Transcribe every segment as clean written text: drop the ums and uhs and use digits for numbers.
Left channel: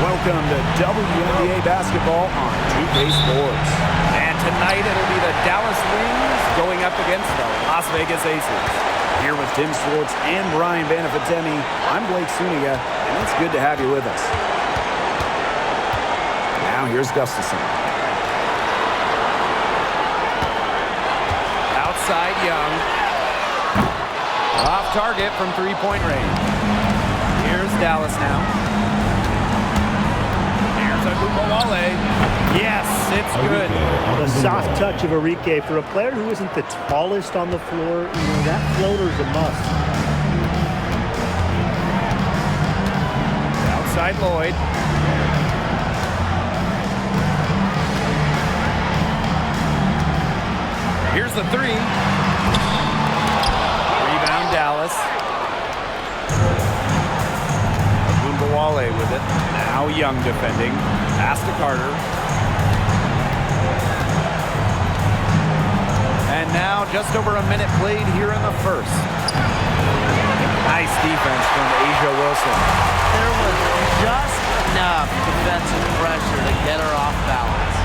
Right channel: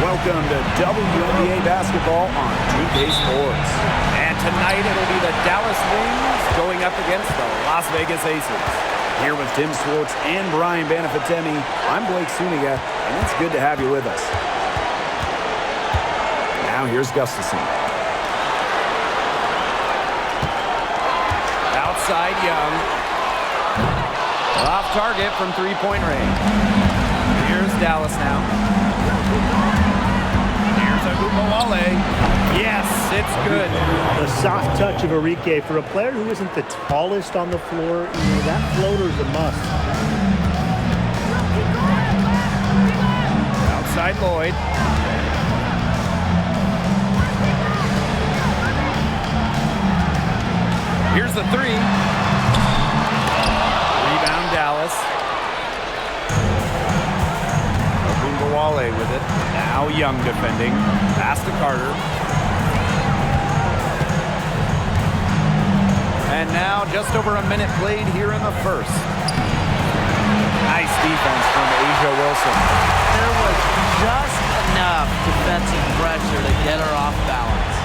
Welcome to WNBA basketball on 2K Sports. And tonight it'll be the Dallas Wings going up against the Las Vegas Aces. Here with Tim Swartz and Brian Banafitemi, I'm Blake Suniga, and it's good to have you with us. Now here's Gustafson. Outside Young. Off target from three-point range. Here's Dallas now. Here's Wnba. Yes, it's good. The soft touch of Enrique for a player who isn't the tallest on the floor. That floater's a must. Outside Lloyd. Here's the three. Rebound Dallas. Wnba with it. Now Young defending. Pass to Carter. And now just over a minute played here in the first. Nice defense from A'ja Wilson. There was just enough defensive pressure to get her off balance.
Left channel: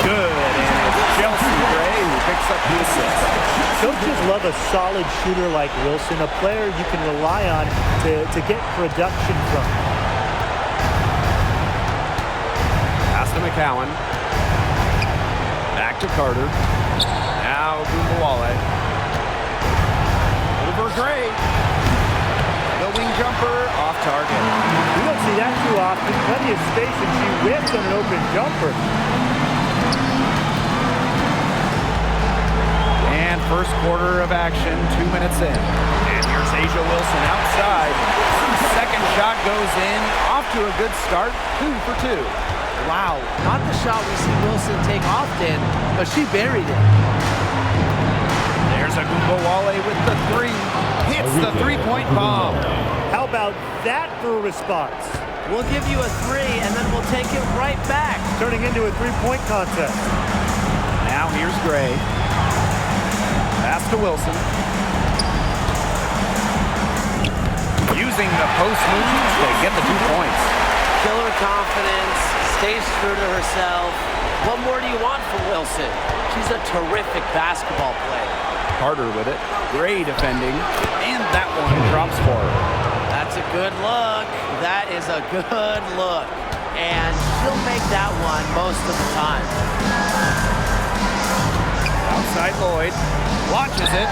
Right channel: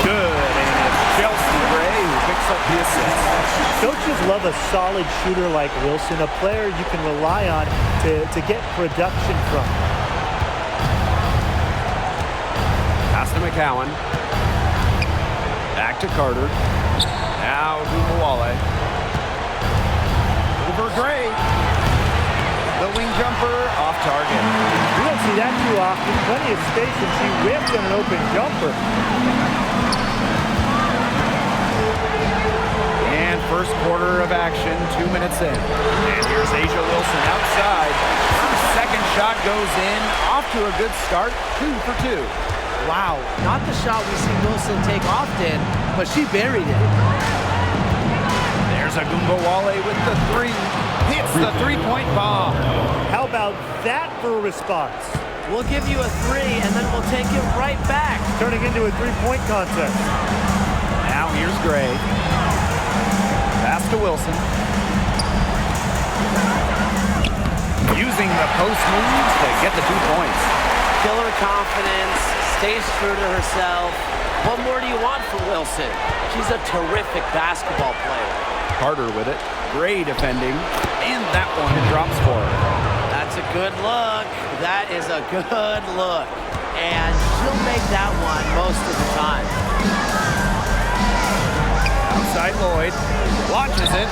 Good, and it's Chelsea Gray who picks up the assist. Coaches love a solid shooter like Wilson, a player you can rely on to get production from. Pass to McCowan. Back to Carter. Now Wnba. Over Gray. The wing jumper off target. We don't see that too often. Plenty of space, and she whipped on an open jumper. And first quarter of action, 2 minutes in. And here's A'ja Wilson outside. Her second shot goes in. Off to a good start. 2 for 2. Wow, not the shot we see Wilson take often, but she buried it. There's Wnba with the three. Hits the three-point bomb. How about that for a response? We'll give you a three, and then we'll take it right back. Turning into a three-point contest. Now here's Gray. Pass to Wilson. Using the post moves to get the 2 points. Killer confidence, stays true to herself. What more do you want from Wilson? She's a terrific basketball player. Carter with it. Gray defending. And that one drops for her. That's a good look. That is a good look. And she'll make that one most of the time. Outside Lloyd. Launches it.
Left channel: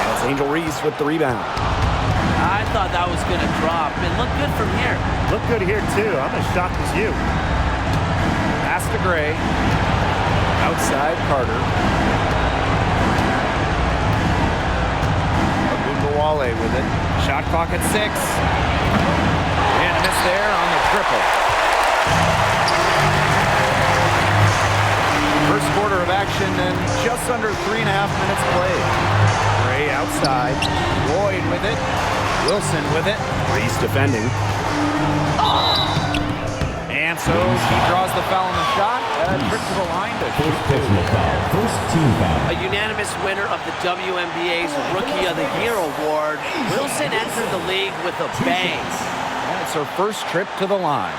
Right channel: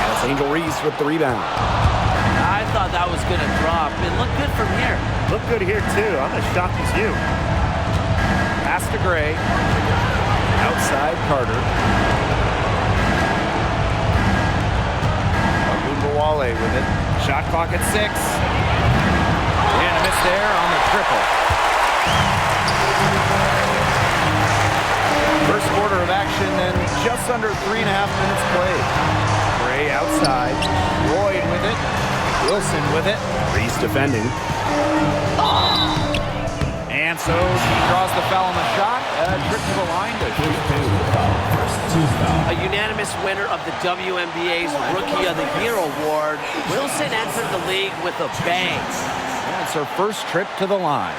And it's Angel Reese with the rebound. I thought that was going to drop. It looked good from here. Look good here, too. I'm as shocked as you. Pass to Gray. Outside Carter. Wnba with it. Shot clock at 6. And a miss there on the triple. First quarter of action and just under 3.5 minutes played. Gray outside. Lloyd with it. Wilson with it. Reese defending. And so she draws the foul on the shot. A trip to the line to shoot 2. A unanimous winner of the WNBA's Rookie of the Year award. Wilson entered the league with a bang. Yeah, it's her first trip to the line.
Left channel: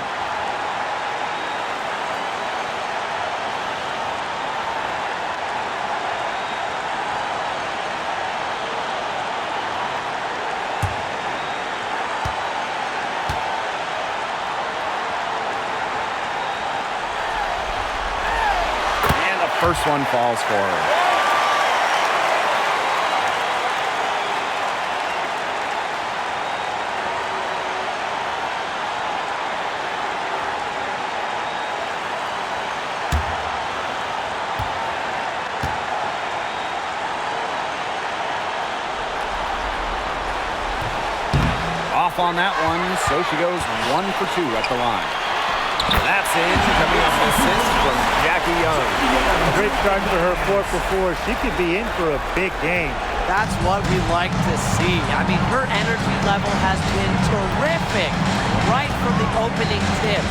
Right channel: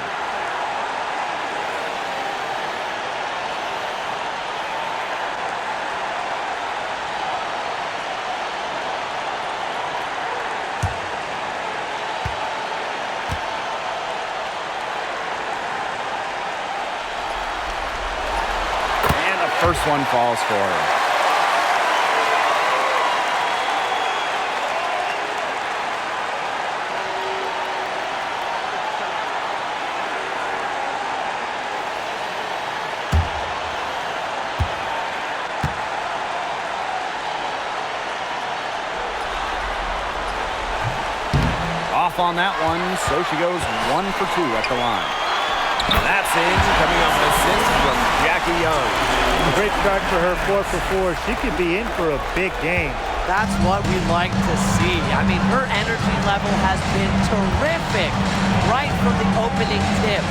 First one falls for her. Off on that one, so she goes 1 for 2 at the line. That's in, coming off an assist from Jackie Young. A great start for her, 4 for 4. She could be in for a big game. That's what we like to see. I mean, her energy level has been terrific right from the opening tip.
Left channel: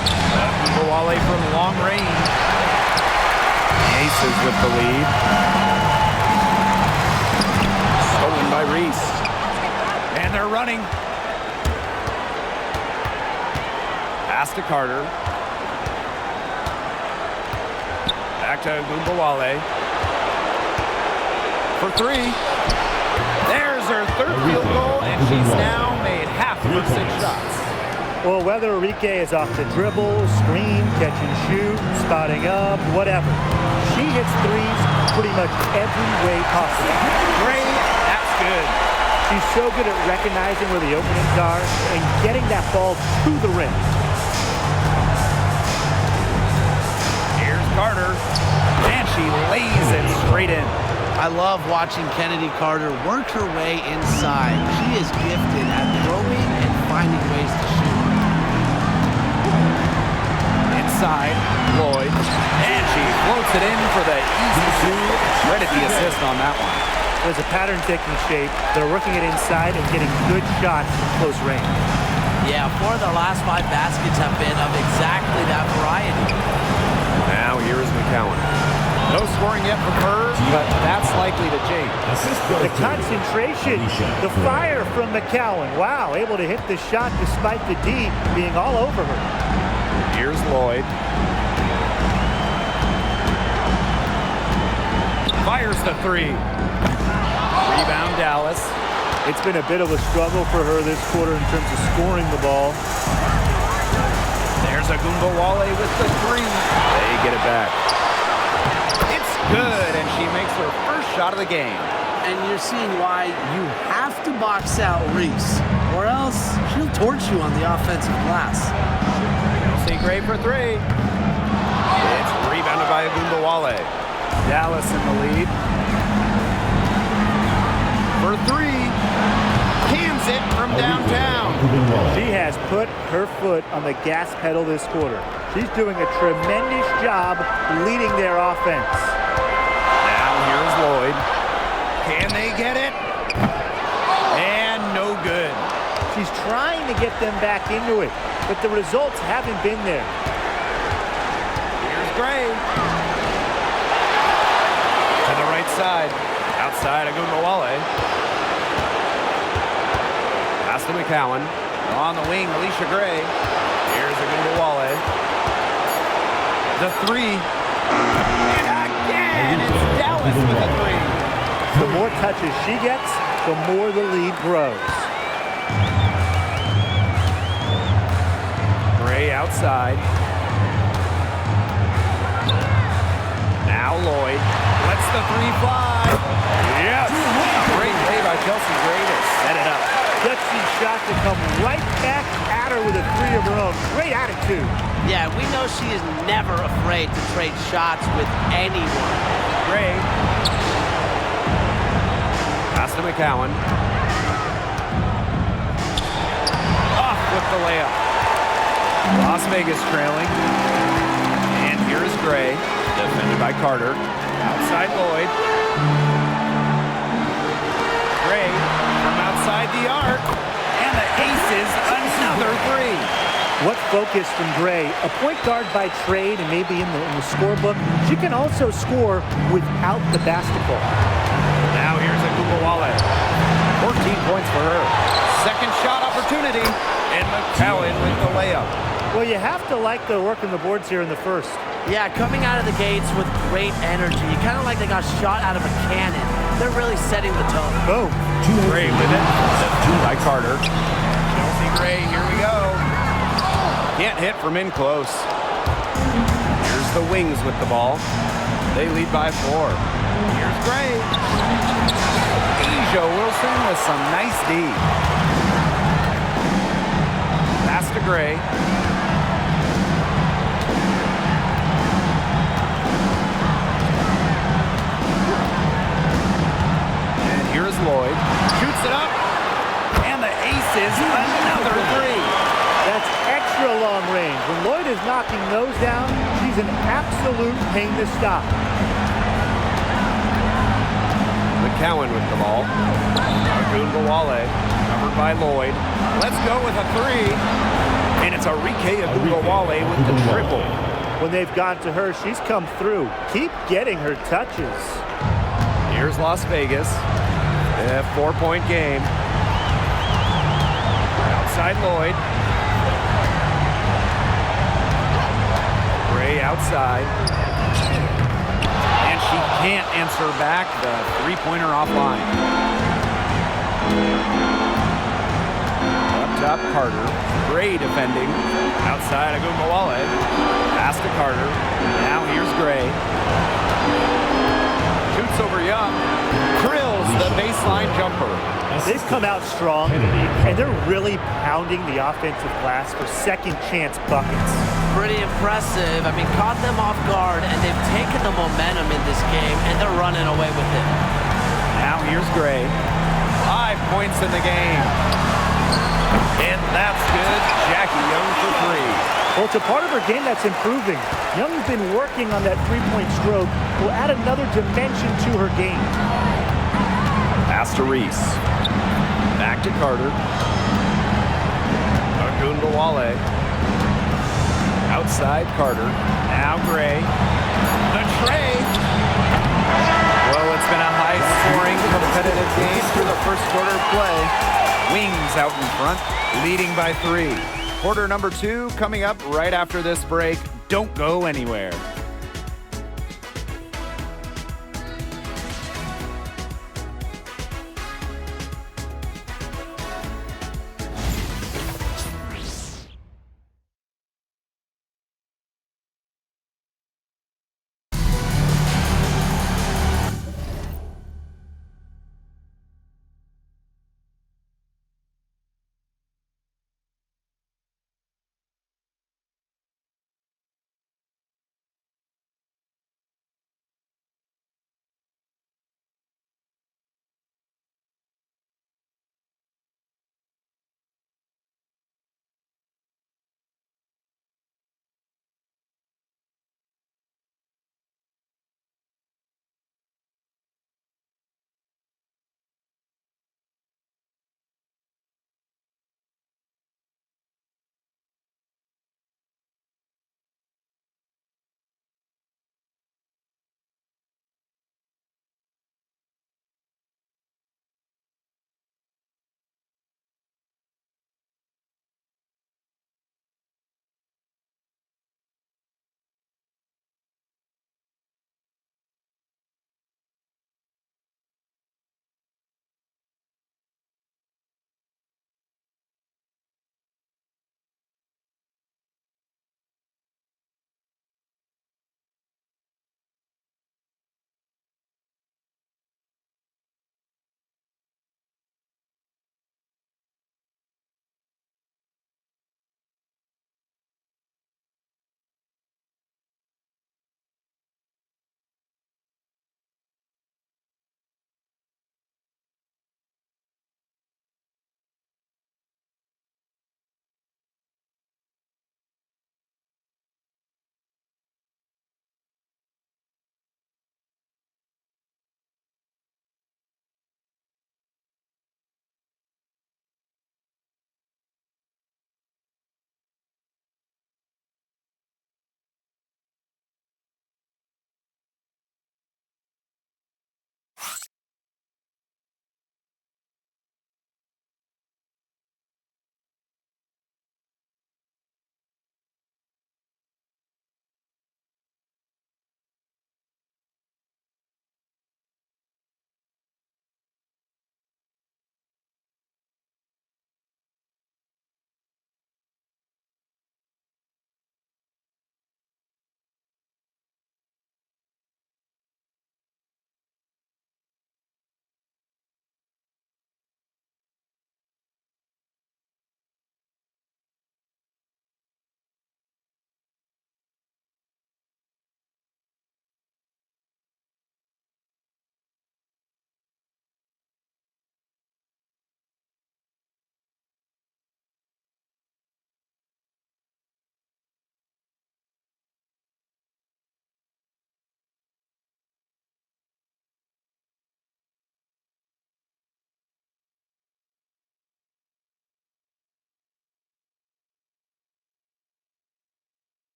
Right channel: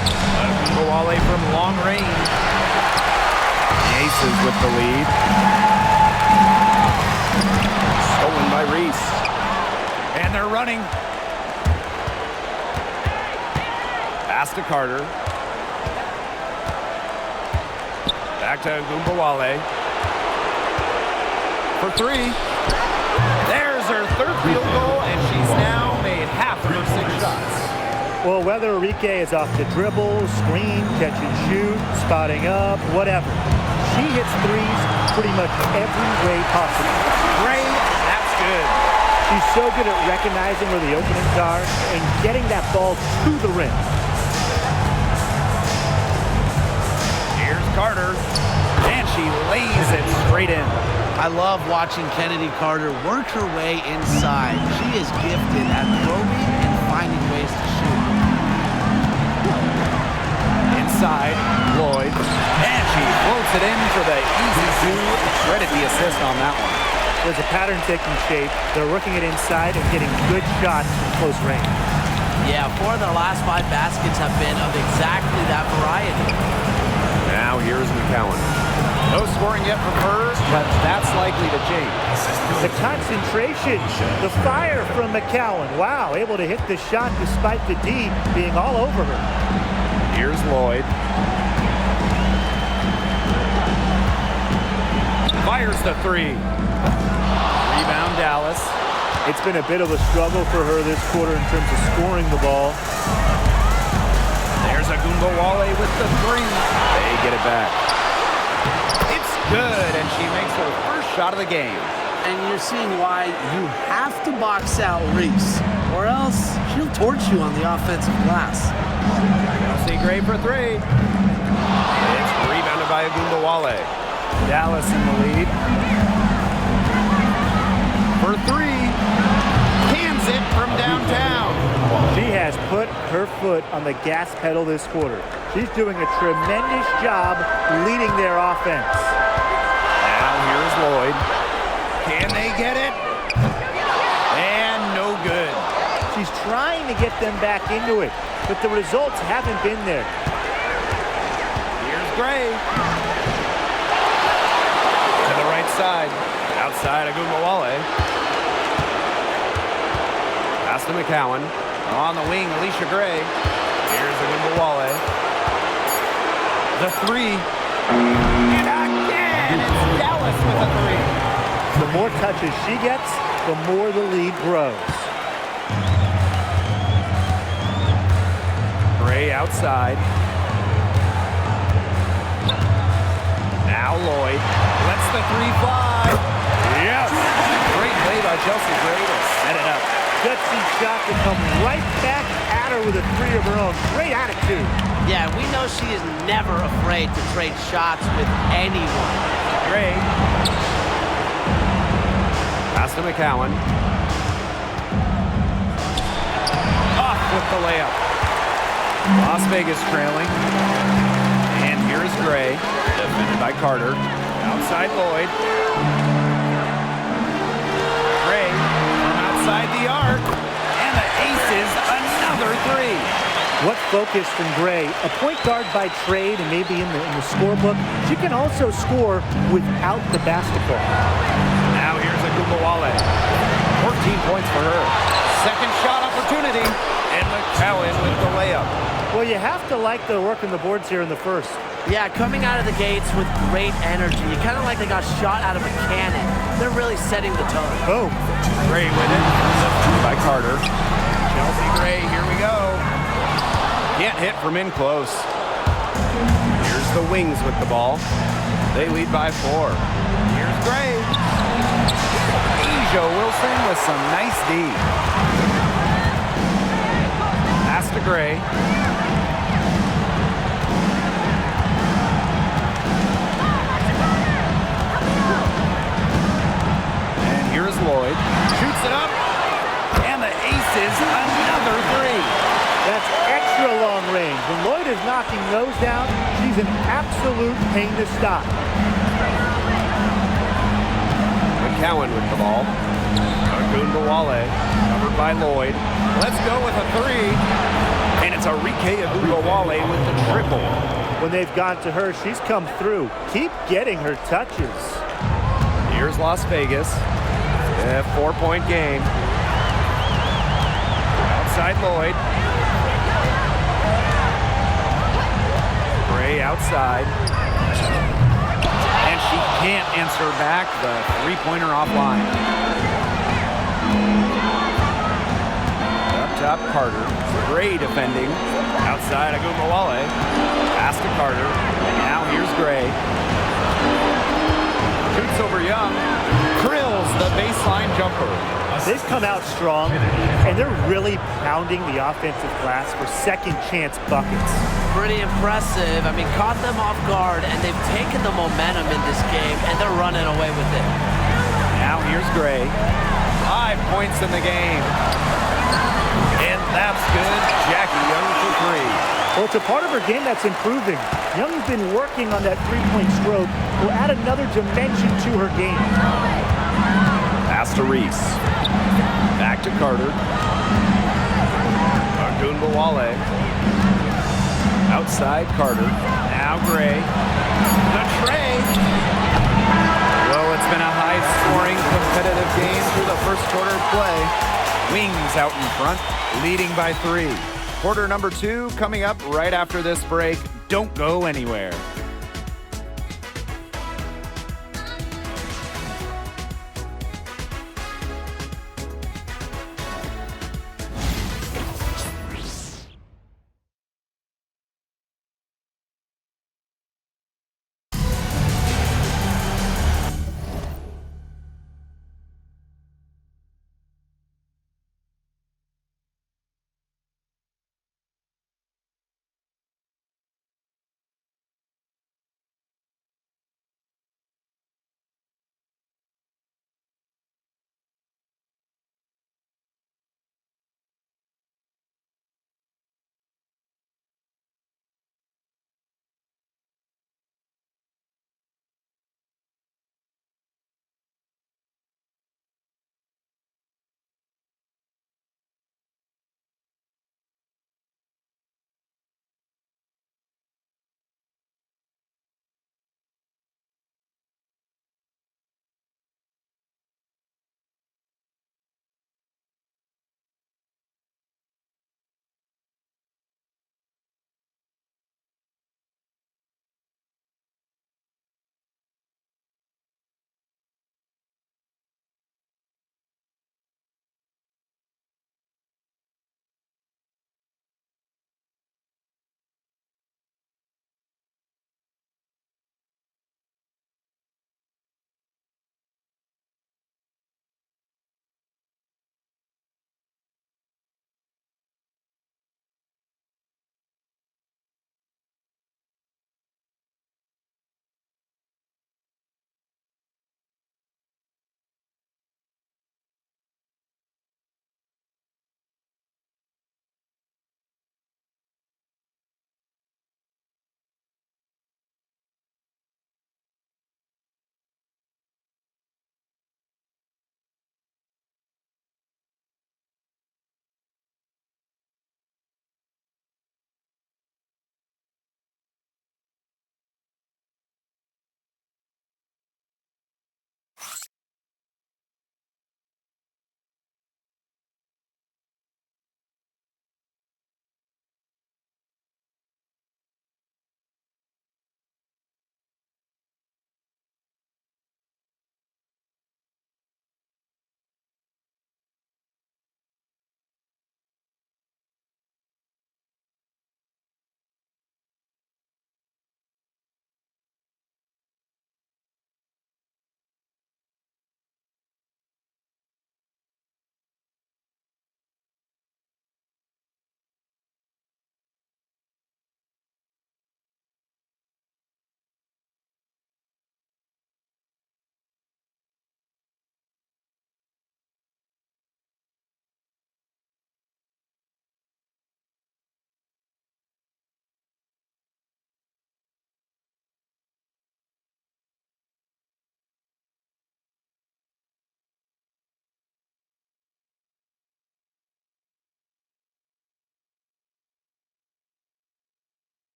Wnba from long range. The Aces with the lead. they're running. Pass to Carter. Back to Wnba for three. There's her third field goal, and she's now made half of her 6 shots. Well, whether Enrique is off the dribble, screen, catch and shoot, spotting up, whatever, she hits threes pretty much every way possible. Gray, that's good. She's so good at recognizing where the openings are and getting that ball to the rim. Here's Carter, and she lays it straight in. I love watching Kennedy Carter work her way inside. She is gifted at probing and finding ways to shoot. Inside, Lloyd, and she floats it in for the easy 2. Credit the assist on that one. There's a pattern taking shape. They're working it inside and getting good shots from close range. Yeah, 4 of their last 5 baskets have been of exactly that variety. Now here's McCowan. No scoring yet from her, but that's likely to change. The concentration, the fire from McCowan. Wow, able to hit the shot despite the D being all over her. Here's Lloyd. Fires the 3. Rebound Dallas. It's been a bit of a struggle for her this quarter in terms of scoring the ball. There's a Wnba with the 3. They get it back. It's good, and she makes her first shot of the game. And you're seeing why you have to box out Reese, or else she'll torch you on the offensive glass. Chelsea Gray for 3. It's rebounded by a Wnba. Dallas in the lead. For 3. Cans it from downtown. She has put her foot on the gas pedal this quarter. She's doing a tremendous job leading their offense. Now here's Lloyd. Can they get it? And no good. She's trying to get them back into it, but the results haven't been there. Here's Gray. To the right side. Outside of Wnba. Pass to McCowan. On the wing, Alicia Gray. Here's a Wnba. The 3. And again, it's Dallas with a 3. The more touches she gets, the more the lead grows. Gray outside. Now Lloyd lets the 3 fly. Yes! Great play by Chelsea Gray to set it up. Gutsy shot to come right back at her with a 3 of her own. Great attitude. Yeah, we know she is never afraid to trade shots with anyone. Gray. Pass to McCowan. Off with the layup. Las Vegas trailing. And here is Gray. Defended by Carter. Outside Lloyd. Gray from outside the arc. And the aces another 3. What focus from Gray, a point guard by trade and maybe in the scorebook. She can also score without the basketball. Now here's a Wnba. 14 points for her. Second shot opportunity, and McCowan with the layup. Well, you have to like the work on the boards here in the first. Yeah, coming out of the gates with great energy. Kind of like they got shot out of a cannon. They're really setting the tone. Boom. Gray with it, defended by Carter. Chelsea Gray, here we go. Can't hit from in close. Here's the Wings with the ball. They lead by 4. Here's Gray. Asia Wilson with some nice D. Pass to Gray. And here's Lloyd. Shoots it up. And the aces another 3. That's extra long range. When Lloyd is knocking those down, she's an absolute pain to stop. McCowan with the ball. Wnba covered by Lloyd. Let's go with a 3. And it's Enrique Wnba with the triple. When they've gone to her, she's come through. Keep getting her touches. Here's Las Vegas. A 4-point game. side Lloyd. Gray outside. And she can't answer back the three-pointer offline. Up top, Carter. Gray defending. Outside, Wnba. Pass to Carter. Now here's Gray. Shoots over Young. Drills the baseline jumper. They've come out strong, and they're really pounding the offensive glass for second chance buckets. Pretty impressive. I mean, caught them off guard, and they've taken the momentum in this game, and they're running away with it. Now here's Gray. 5 points in the game. And that's good. Jackie Young for three. Well, it's a part of her game that's improving. Young's been working on that three-point stroke. Will add another dimension to her game. Pass to Reese. Back to Carter. Wnba. Outside Carter. Now Gray. The tray. Well, it's been a high-scoring, competitive game through the first quarter of play. Wings out in front, leading by 3. Quarter number 2 coming up right after this break. Don't go anywhere.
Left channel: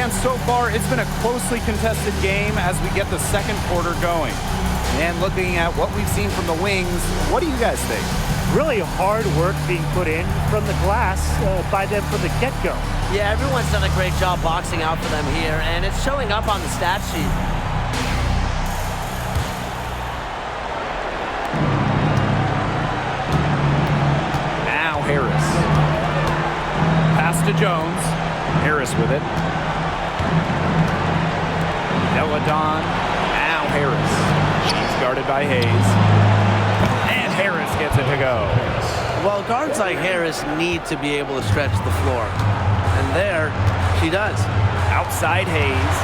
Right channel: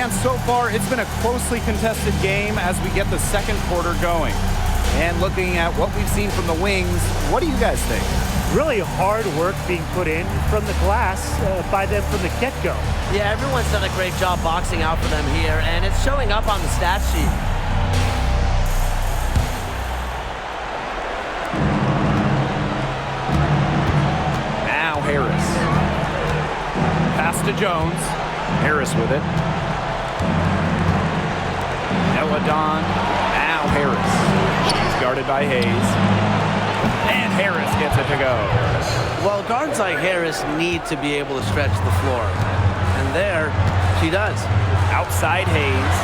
And so far, it's been a closely contested game as we get the second quarter going. And looking at what we've seen from the Wings, what do you guys think? Really hard work being put in from the glass by them from the get-go. Yeah, everyone's done a great job boxing out for them here, and it's showing up on the stat sheet. Now Harris. Pass to Jones. Harris with it. Deladon. Now Harris. She's guarded by Hayes. And Harris gets it to go. Well, guards like Harris need to be able to stretch the floor. And there, she does. Outside Hayes.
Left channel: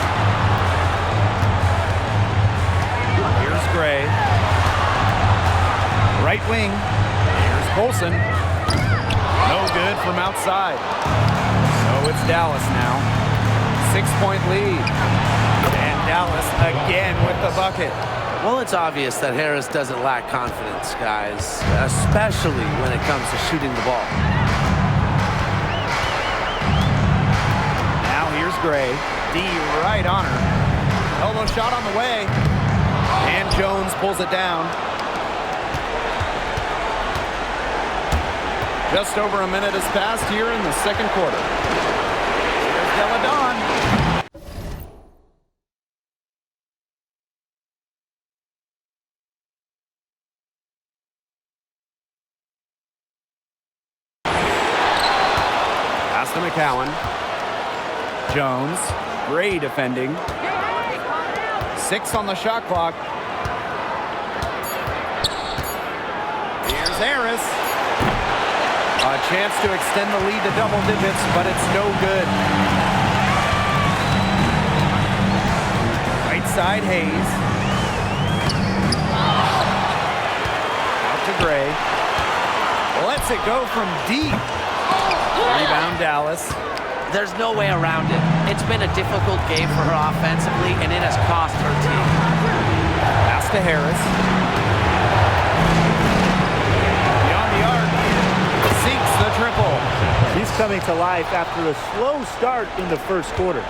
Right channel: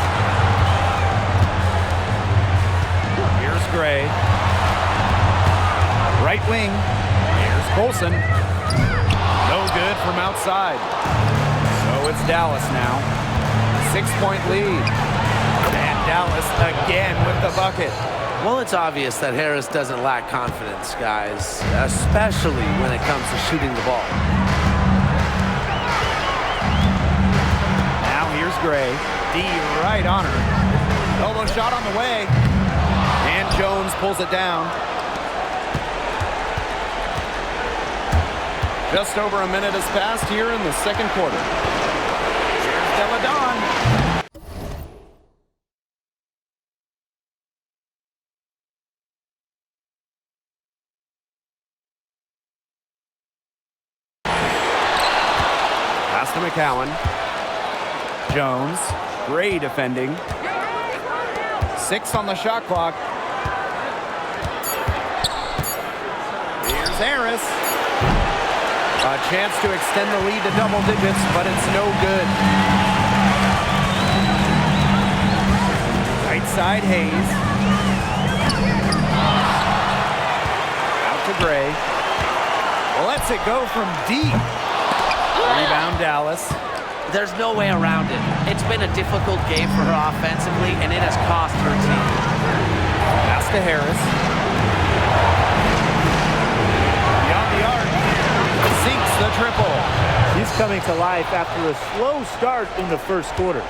Here's Gray. Right wing. Here's Colson. No good from outside. So it's Dallas now. 6-point lead. And Dallas again with the bucket. Well, it's obvious that Harris doesn't lack confidence, guys, especially when it comes to shooting the ball. Now here's Gray. D right on her. Elbow shot on the way. And Jones pulls it down. Just over a minute has passed here in the second quarter. Here's Deladon. Pass to McCowan. Jones. Gray defending. 6 on the shot clock. Here's Harris. A chance to extend the lead to double digits, but it's no good. Right side, Hayes. Out to Gray. Lets it go from deep. Rebound, Dallas. There's no way around it. It's been a difficult game for her offensively, and it has cost her team. Pass to Harris. Beyond the arc. Sinks the triple. She's coming to life after a slow start in the first quarter.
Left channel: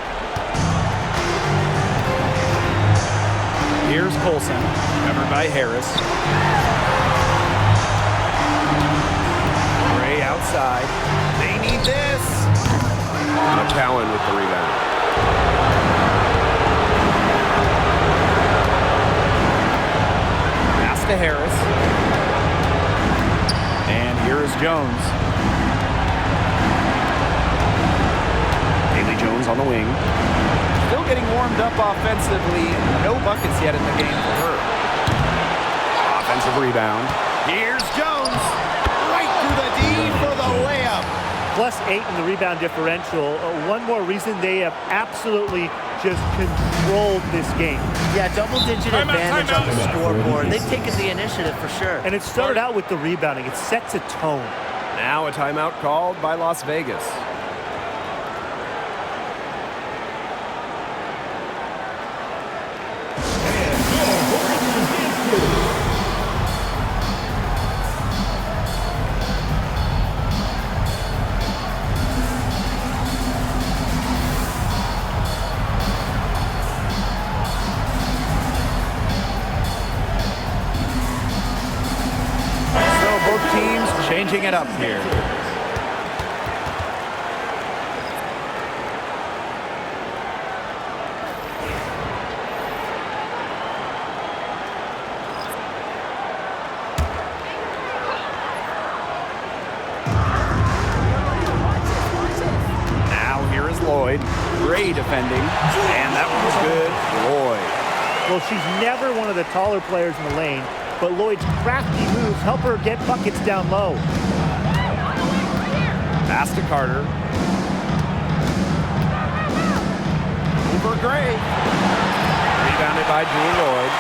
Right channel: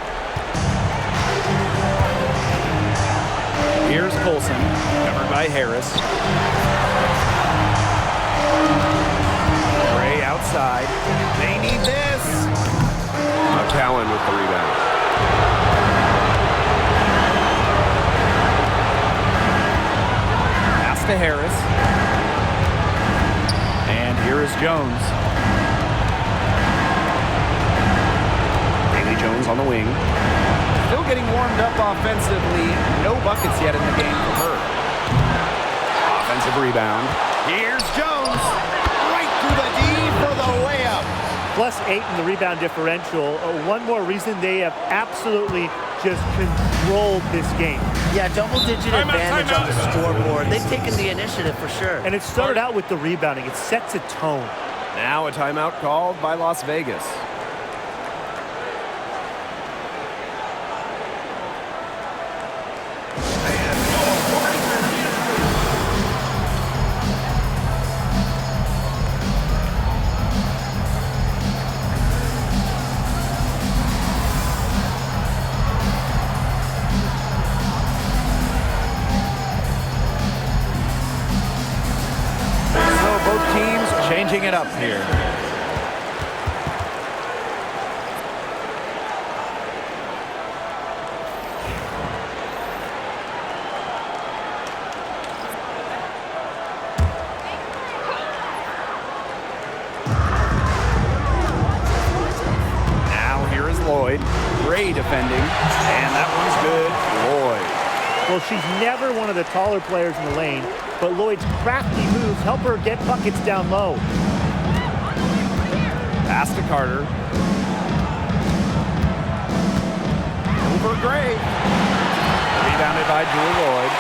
Here's Colson, covered by Harris. Gray outside. They need this. McCowan with the rebound. Pass to Harris. And here is Jones. Haley Jones on the wing. Still getting warmed up offensively. No buckets yet in the game for her. Offensive rebound. Here's Jones. Right through the D for the layup. +8 in the rebound differential. One more reason they have absolutely just controlled this game. Yeah, double-digit advantage on the scoreboard. They've taken the initiative for sure. And it started out with the rebounding. It sets a tone. Now a timeout called by Las Vegas. Both teams changing it up here. Now here is Lloyd. Gray defending. And that one's good. Lloyd. Well, she's never one of the taller players in the lane, but Lloyd's crafty moves help her get buckets down low. Pass to Carter. Over Gray. Rebounded by Jewel Lloyd.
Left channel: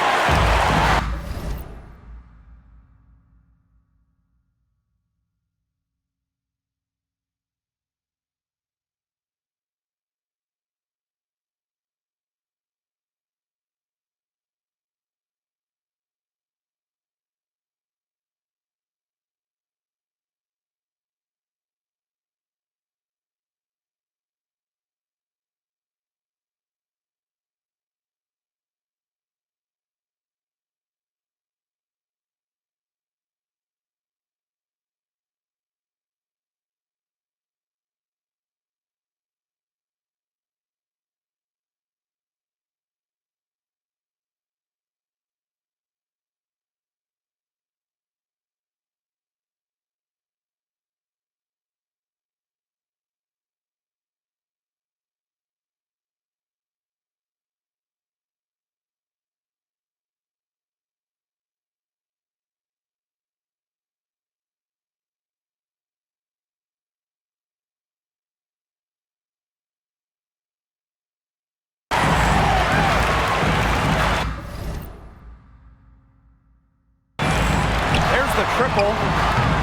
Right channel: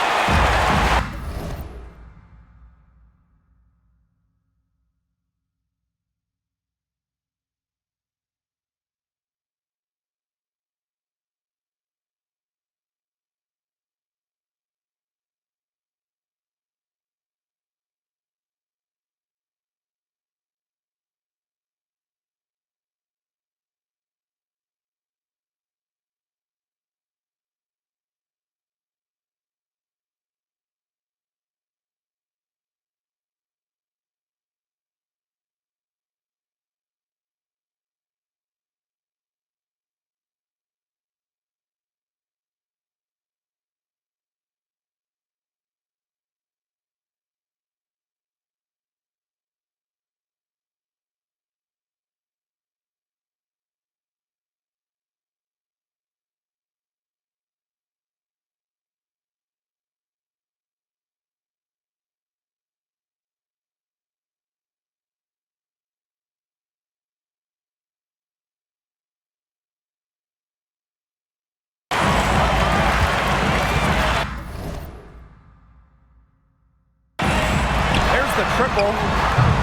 the triple.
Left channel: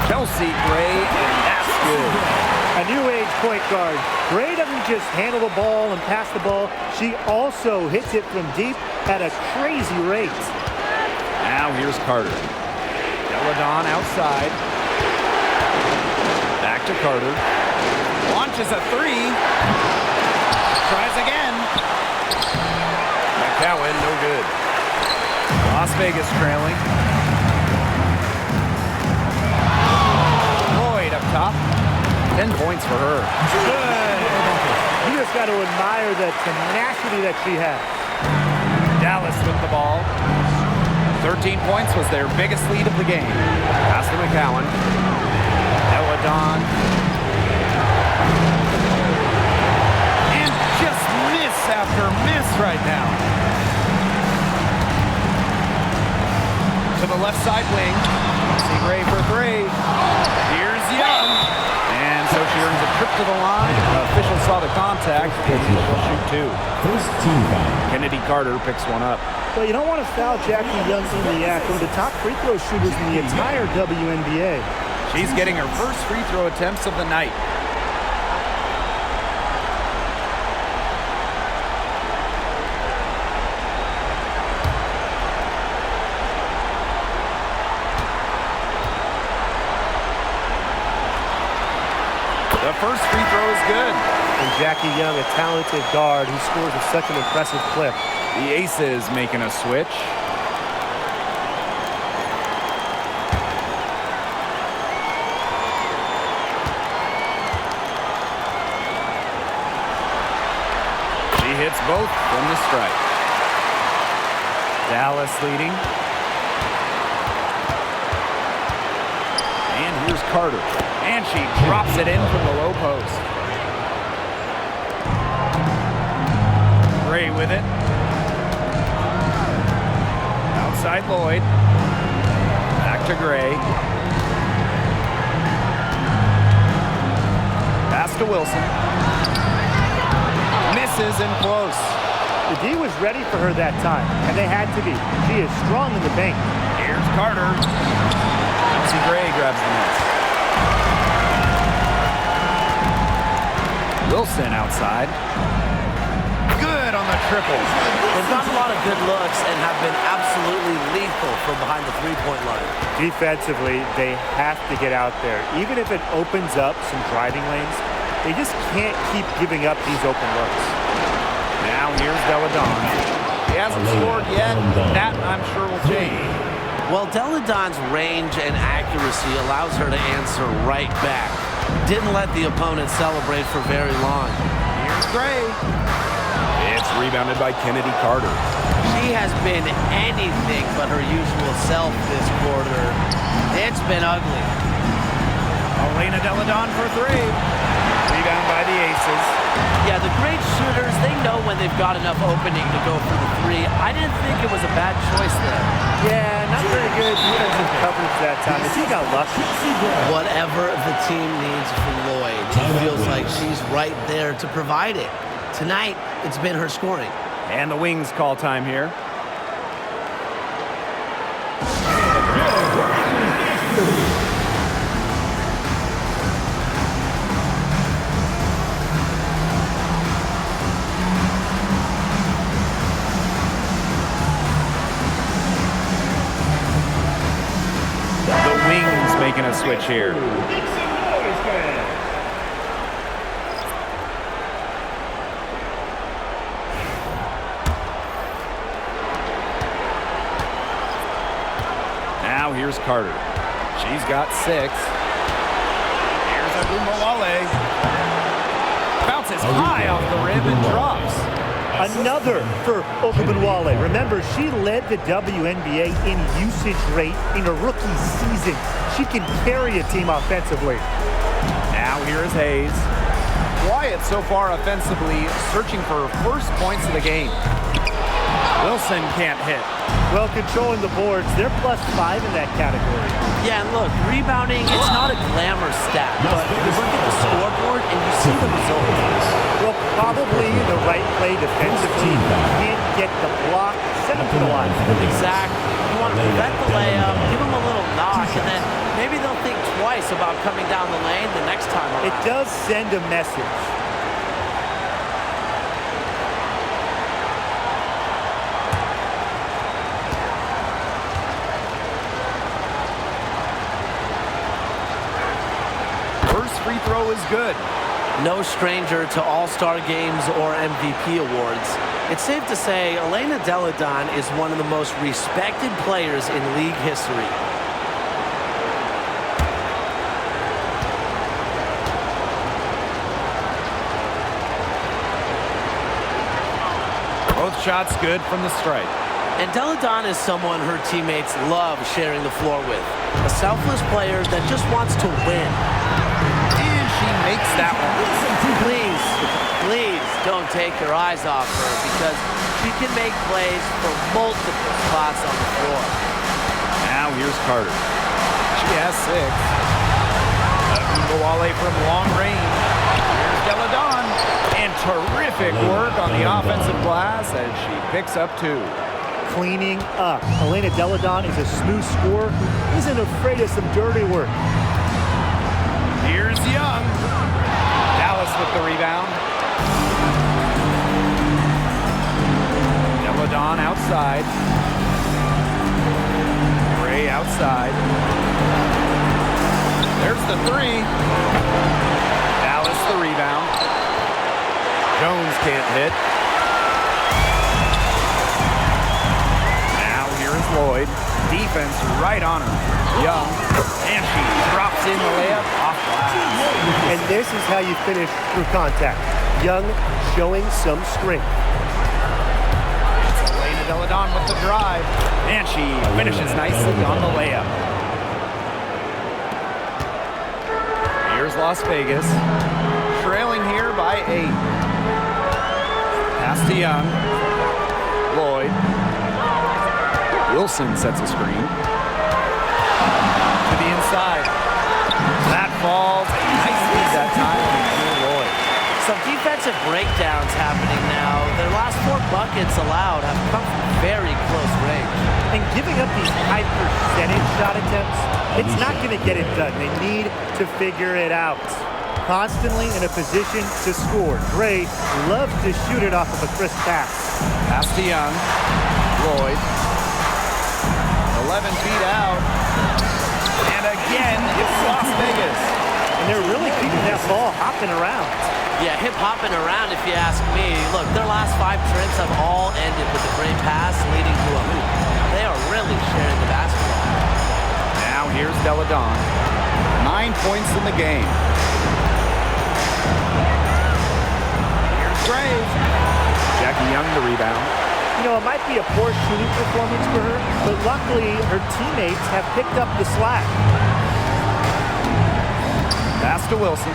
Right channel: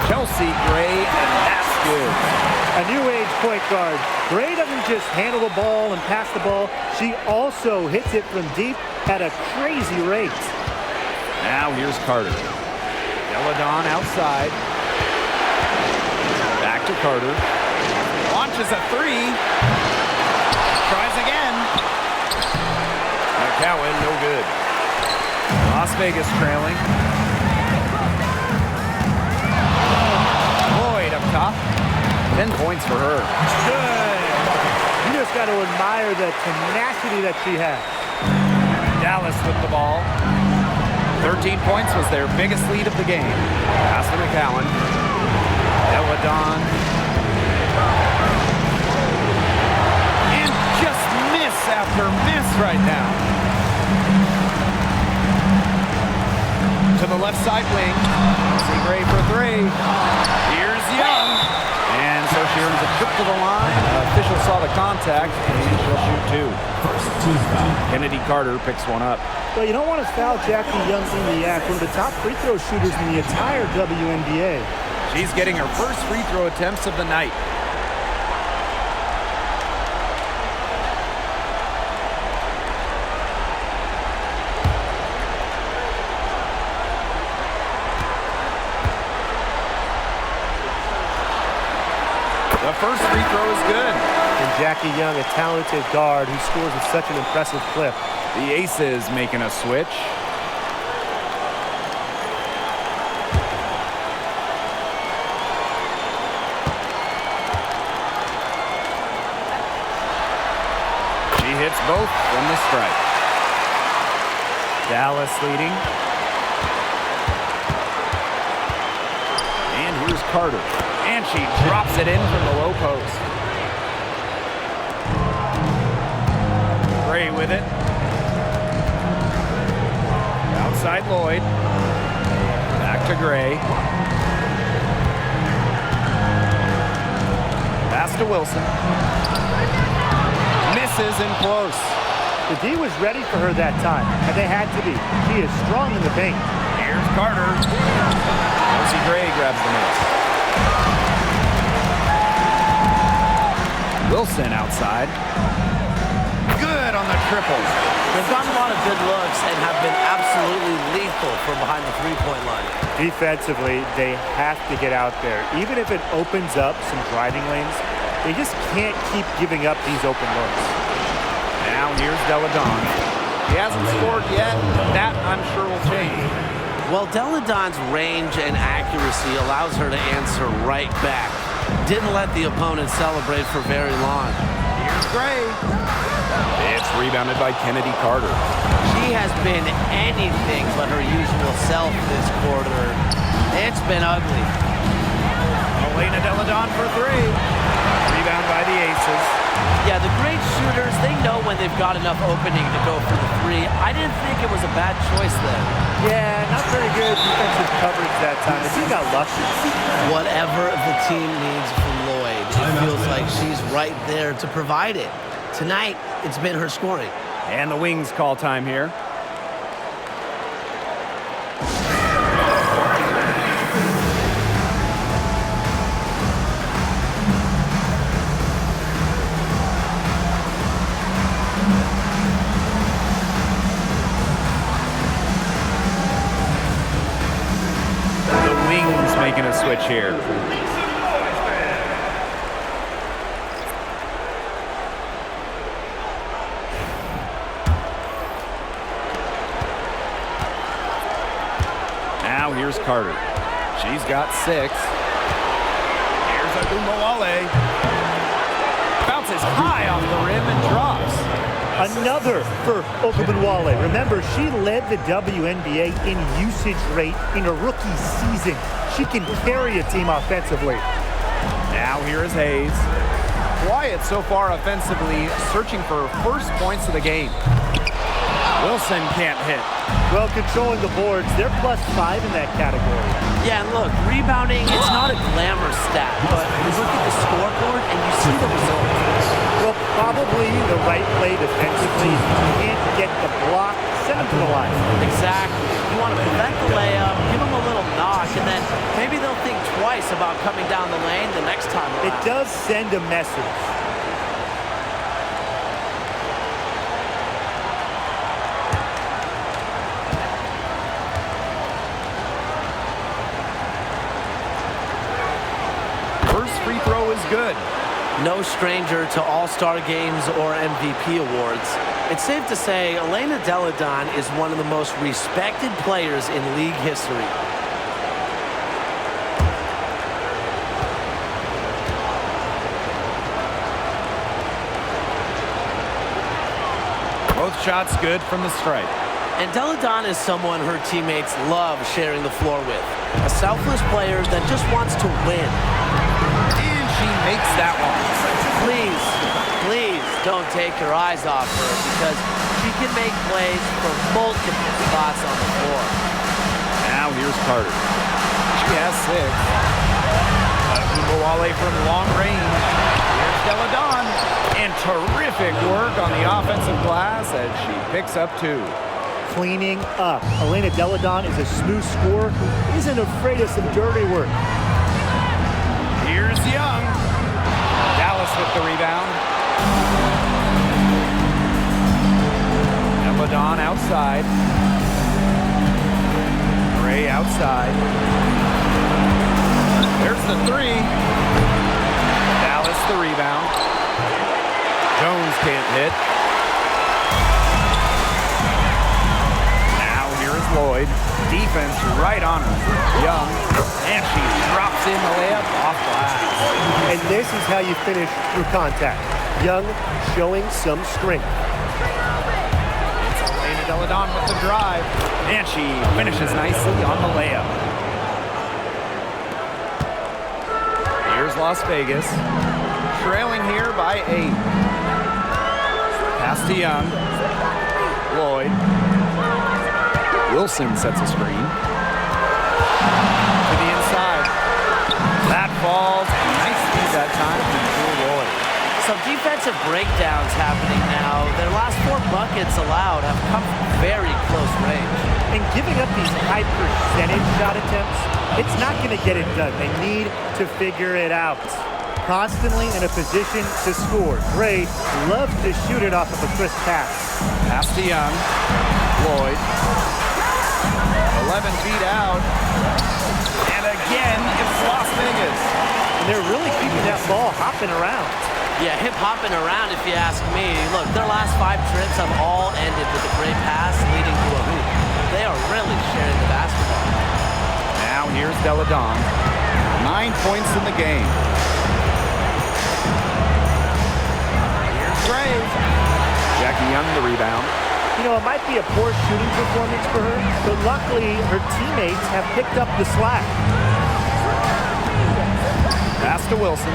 Chelsea Gray, and that's good. A new age point guard. Gray doesn't just handle the ball and pass the ball. She also hits it from deep at a crazy rate. Now here's Carter. Deladon outside. Back to Carter. Launches a three. Tries again. McCowan, no good. Las Vegas trailing. Lloyd up top. 10 points for her. Good. You just got to admire the tenacity that she has. Dallas with the ball. 13 points was their biggest lead of the game. Pass to McCowan. Deladon. And just miss after miss right now. To the left side wing. Chelsea Gray for three. Here's Young. And so she earns a trip to the line. Official saw the contact, and she'll shoot two. First team foul. Kennedy Carter picks one up. Well, you don't want to foul Jackie Young in the act. One of the top free throw shooters in the entire WNBA. She's getting her first free throw attempts of the night. The first free throw is good. And Jackie Young, a talented guard who scores at such an impressive clip. The Aces making a switch. She hits both from the stripe. Dallas leading. And here's Carter. And she drops it in from the low post. Gray with it. Outside Lloyd. Back to Gray. Pass to Wilson. Misses in close. The D was ready for her that time, and they had to be. She is strong in the paint. Here's Carter. Chelsea Gray grabs the miss. Wilson outside. Good on the triples. They've gotten a lot of good looks and have been absolutely lethal from behind the three-point line. Defensively, they have to get out there. Even if it opens up some driving lanes, they just can't keep giving up these open looks. Now here's Deladon. She hasn't scored yet. That, I'm sure, will change. Well, Deladon's range and accuracy allows her to answer right back. Didn't let the opponent celebrate for very long. Here's Gray. It's rebounded by Kennedy Carter. She has been anything but her usual self this quarter. It's been ugly. Elena Deladon for three. Rebound by the Aces. Yeah, the great shooters, they know when they've got enough opening to go for the three. I didn't think it was a bad choice there. Yeah, not very good defensive coverage that time. The team got lucky. Whatever the team needs from Lloyd, it feels like she's right there to provide it. Tonight, it's been her scoring. And the Wings call time here. The Wings making a switch here. Now here's Carter. She's got 6. Here's Wnba. Bounces high off the rim and drops. Another for Wnba. Remember, she led the WNBA in usage rate in her rookie season. She can carry a team offensively. Now here is Hayes. Quiet so far offensively, searching for her first points of the game. Wilson can't hit. Well, controlling the boards, they're +5 in that category. Yeah, and look, rebounding, it's not a glamour stat, but you look at the scoreboard and you see the result. Well, probably the right play defensively. If you can't get the block, send him to the line. Exactly. You want to prevent the layup, give them a little knock, and then maybe they'll think twice about coming down the lane the next time around. It does send a message. First free throw is good. No stranger to all-star games or MVP awards. It's safe to say Elena Delle Donne is one of the most respected players in league history. Both shots good from the stripe. And Delle Donne is someone her teammates love sharing the floor with. A selfless player that just wants to win. And she makes that one. Please don't take your eyes off her because she can make plays for multiple spots on the floor. Now here's Carter. She has 6. Wnba from long range. Here's Delle Donne. And terrific work on the offensive glass as she picks up 2. Cleaning up. Elena Delle Donne is a smooth scorer who isn't afraid of some dirty work. Here's Young. Dallas with the rebound. Delle Donne outside. Gray outside. There's the 3. Dallas the rebound. Jones can't hit. Now here is Lloyd. Defense right on her. Young. And she drops in the layup off glass. And this is how you finish through contact. Young showing some strength. It's Elena Delle Donne with the drive. And she finishes nicely on the layup. Here's Las Vegas. Trailing here by 8. Pass to Young. Lloyd. Wilson sets a screen. To the inside. That falls. Nice speed that time from Jewel Lloyd. Some defensive breakdowns happening now. Their last 4 buckets allowed have come from very close range. And giving up these high percentage shot attempts, it's not going to get it done. They need to figure it out. Constantly in a position to score. Gray loves to shoot it off of a crisp pass. Pass to Young. Lloyd. 11 feet out. And again, it's Las Vegas. And they're really keeping that ball hopping around. Yeah, hip-hopping around if you ask me. Look, their last 5 trips have all ended with a great pass leading to a hoop. They are really sharing the basketball. Now here's Delle Donne. 9 points in the game. Here's Graves. Jackie Young the rebound. You know, it might be a poor shooting performance for her, but luckily her teammates have picked up the slack. Pass to Wilson.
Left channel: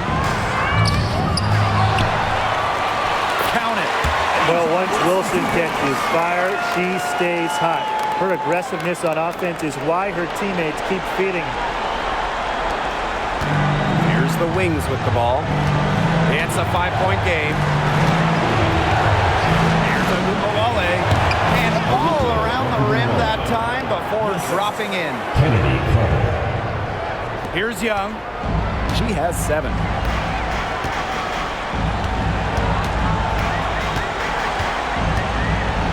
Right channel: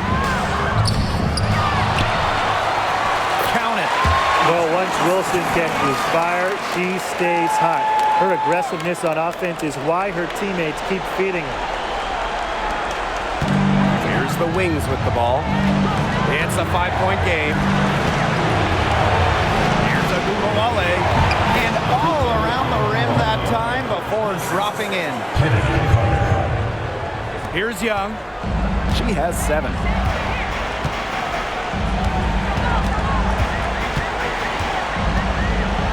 Count it. Well, once Wilson catches fire, she stays hot. Her aggressiveness on offense is why her teammates keep feeding her. Here's the Wings with the ball. It's a 5-point game. Here's a Wnba. And all around the rim that time before dropping in. Here's Young. She has 7.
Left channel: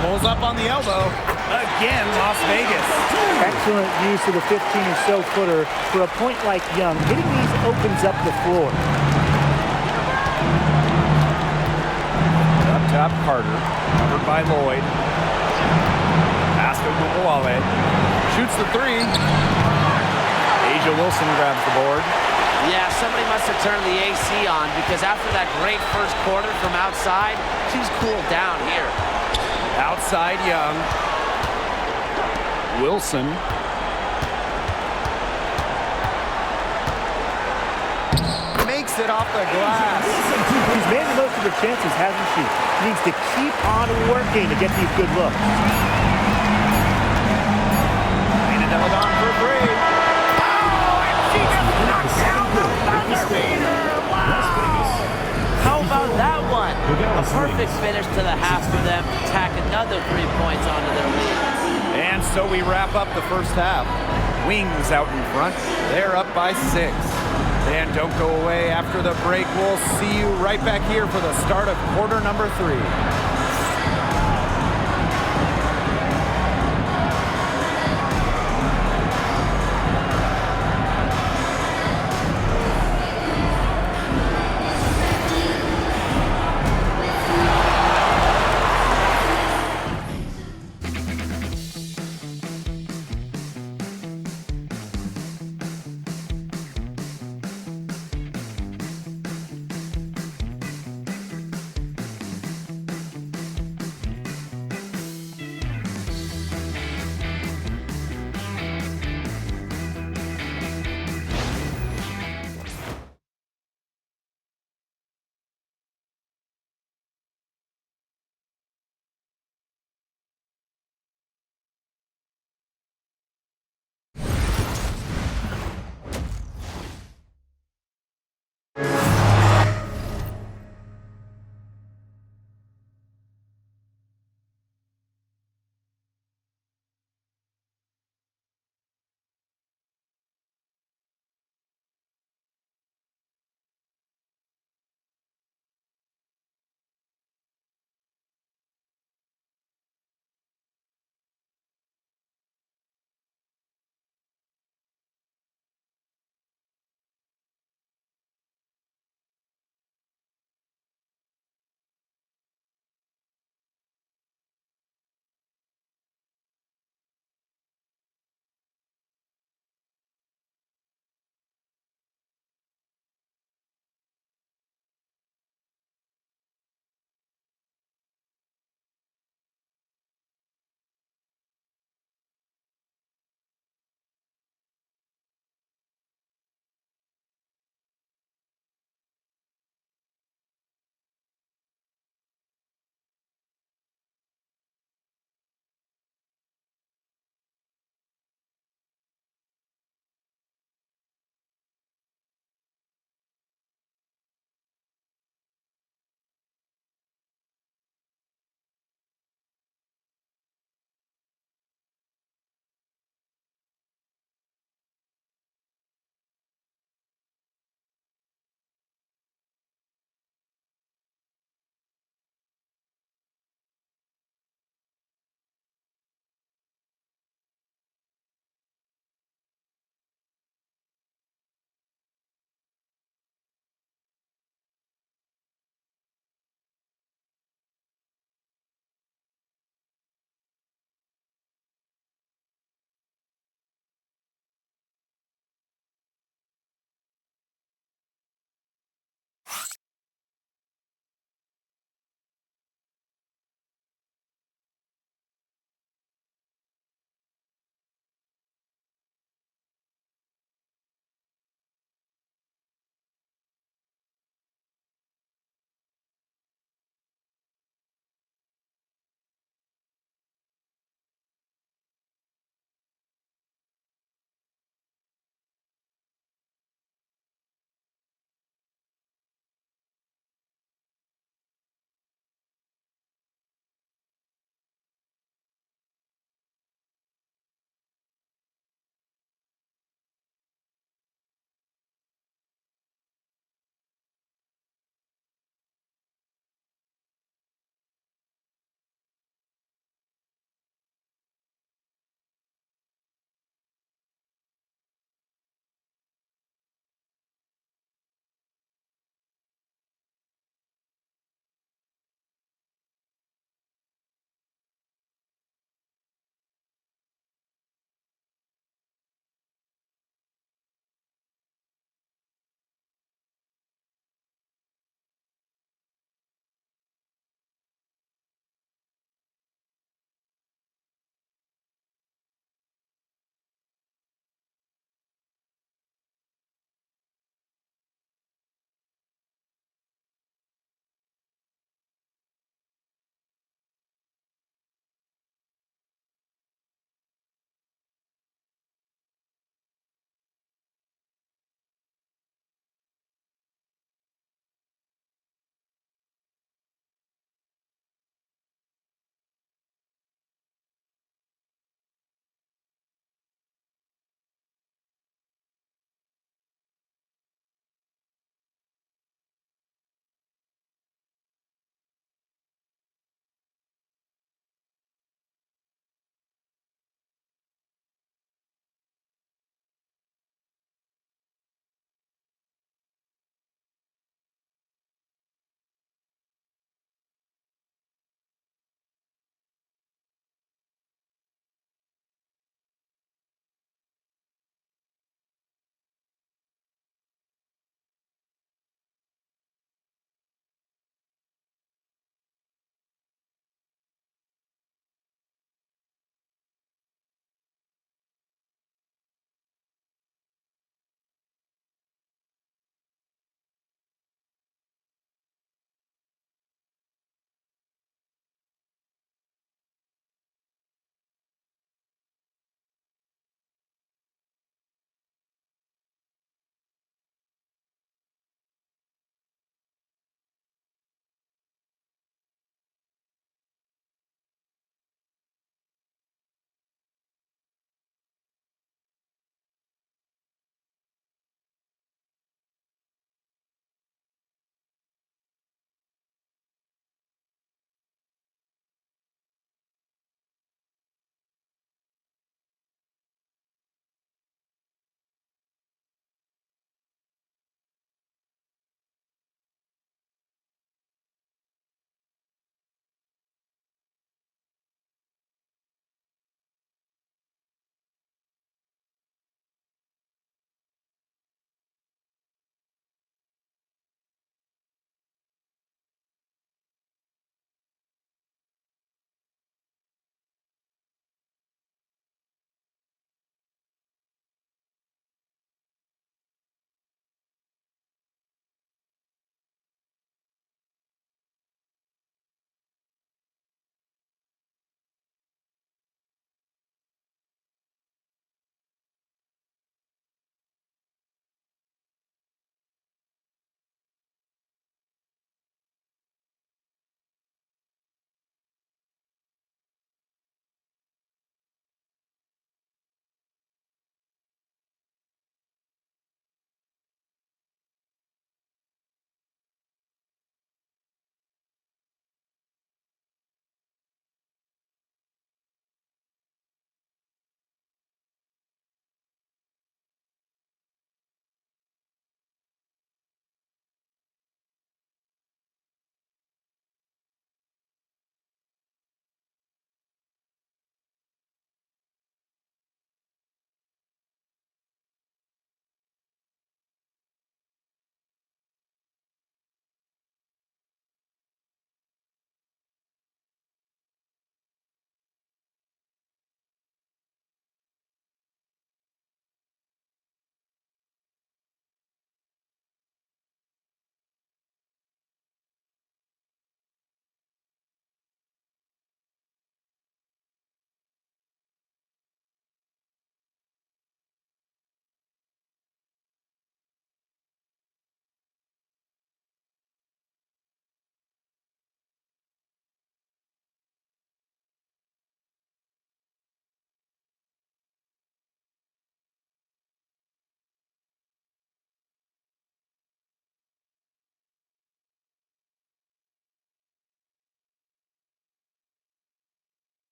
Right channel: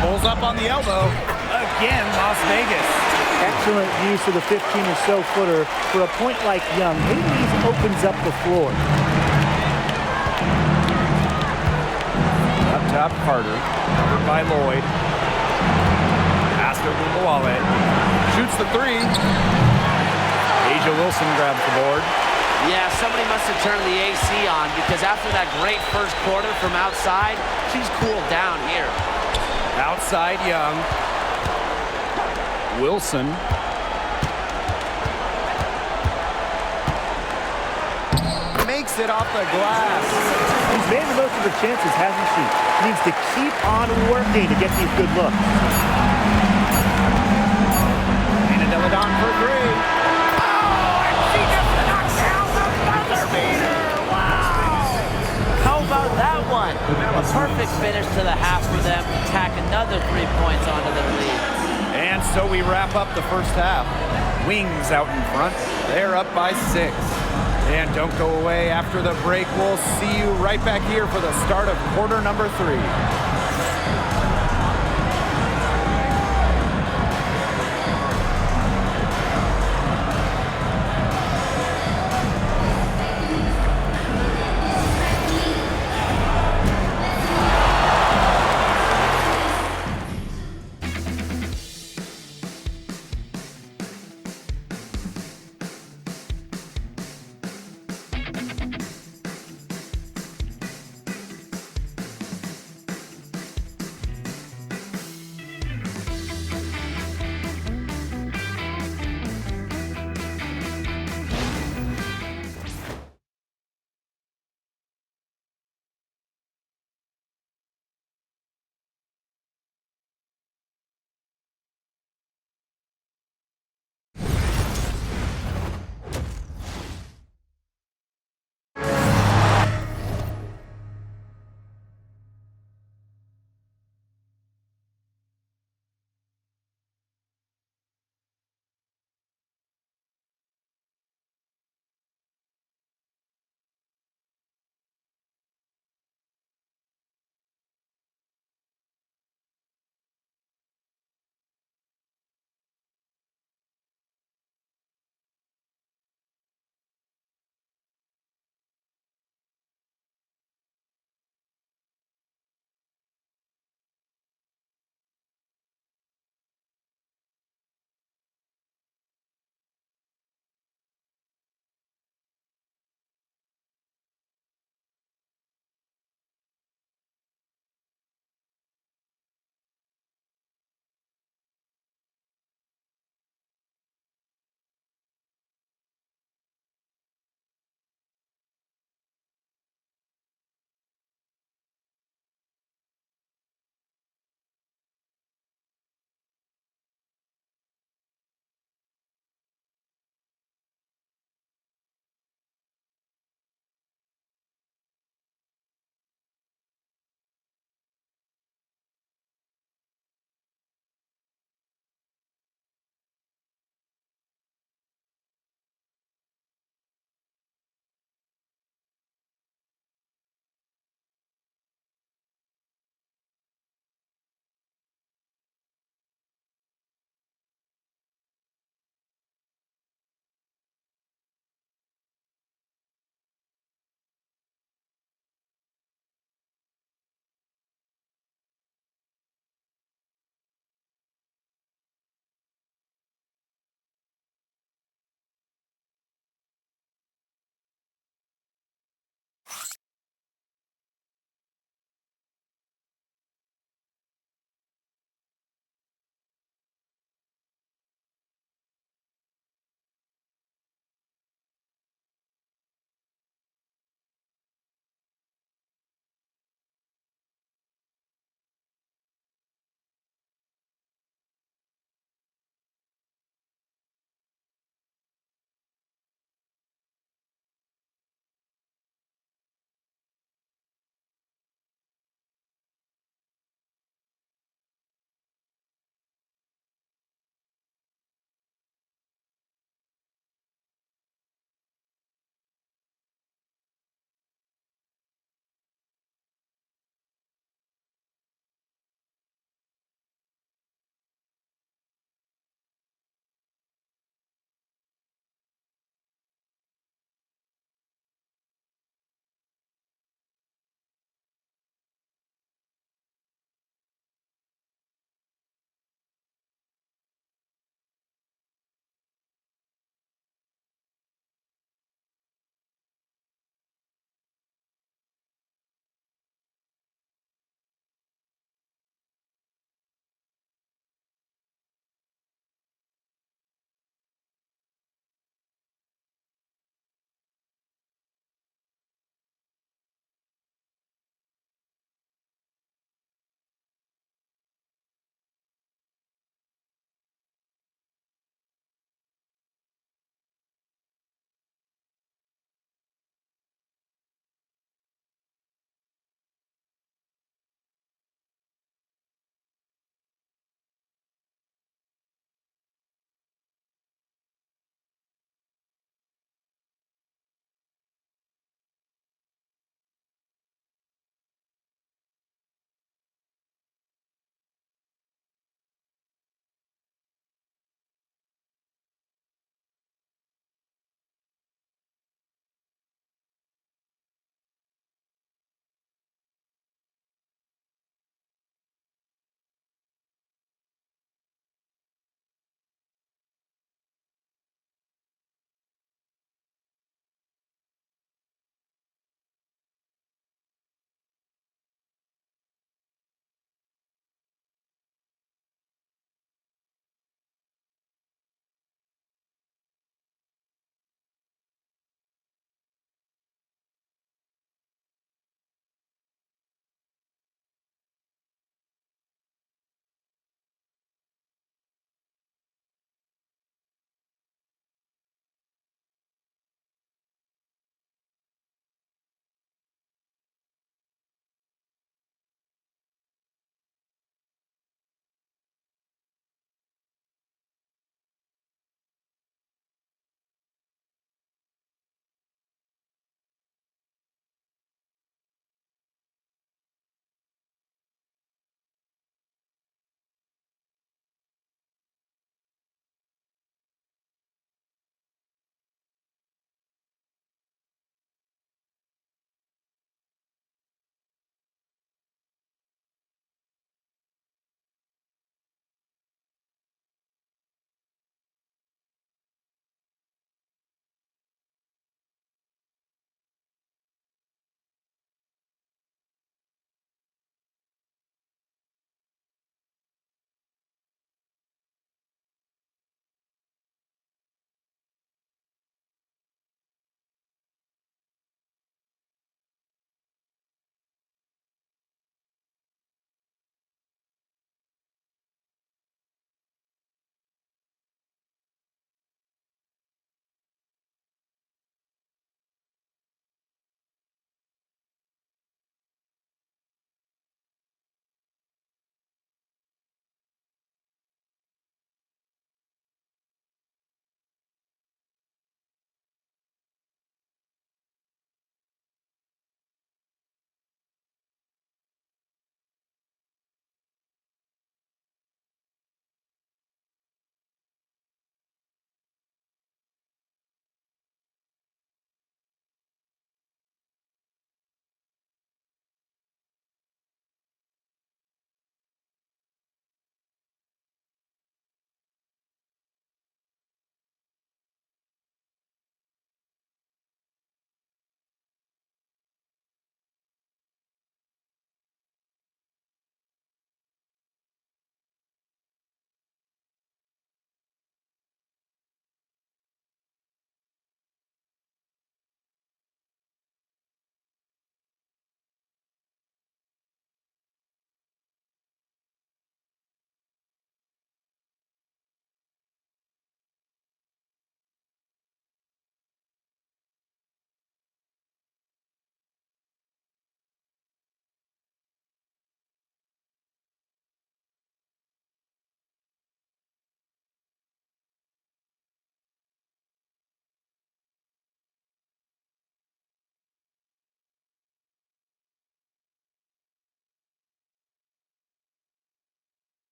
Pulls up on the elbow. Again, Las Vegas. Excellent use of the 15 or so footer for a point like Young. Hitting these opens up the floor. Up top, Carter. Covered by Lloyd. Pass to Wnba. Shoots the 3. Asia Wilson grabs the board. Yeah, somebody must have turned the AC on because after that great first quarter from outside, she's cooled down here. Outside Young. Wilson. Makes it off the glass. She's made the most of her chances, hasn't she? Needs to keep on working to get these good looks. Delle Donne for 3. Oh, and she just knocked down the buzzer beater. Wow. How about that one? punt. A perfect finish to the half for them to tack another 3 points onto their lead. And so we wrap up the first half. Wings out in front. They're up by 6. And don't go away after the break. We'll see you right back here for the start of quarter number 3.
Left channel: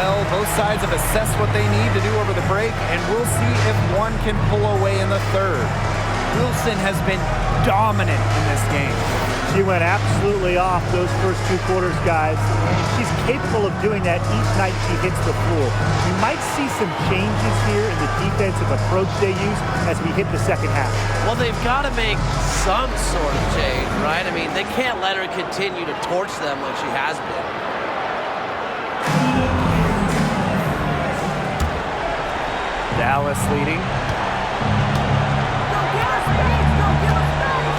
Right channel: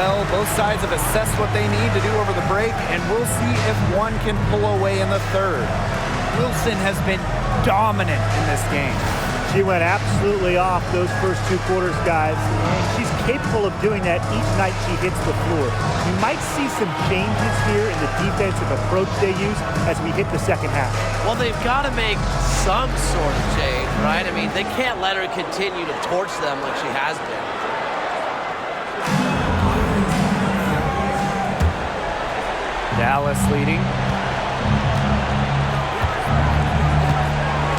Well, both sides have assessed what they need to do over the break, and we'll see if one can pull away in the third. Wilson has been dominant in this game. She went absolutely off those first 2 quarters, guys, and she's capable of doing that each night she hits the floor. You might see some changes here in the defensive approach they use as we hit the second half. Well, they've got to make some sort of change, right? I mean, they can't let her continue to torch them like she has been. Dallas leading.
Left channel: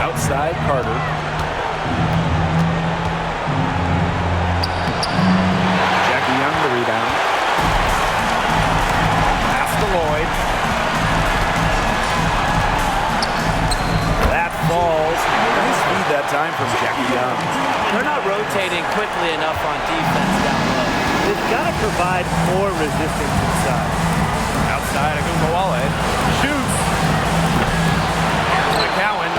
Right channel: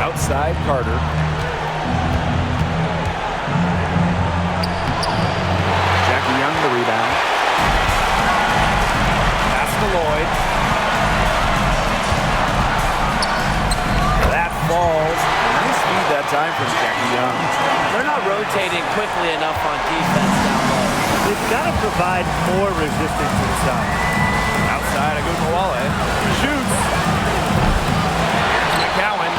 Outside, Carter. Jackie Young the rebound. Pass to Lloyd. That falls. Nice feed that time from Jackie Young. They're not rotating quickly enough on defense down low. They've got to provide more resistance inside. Outside, Wnba shoots. Here's McCowan.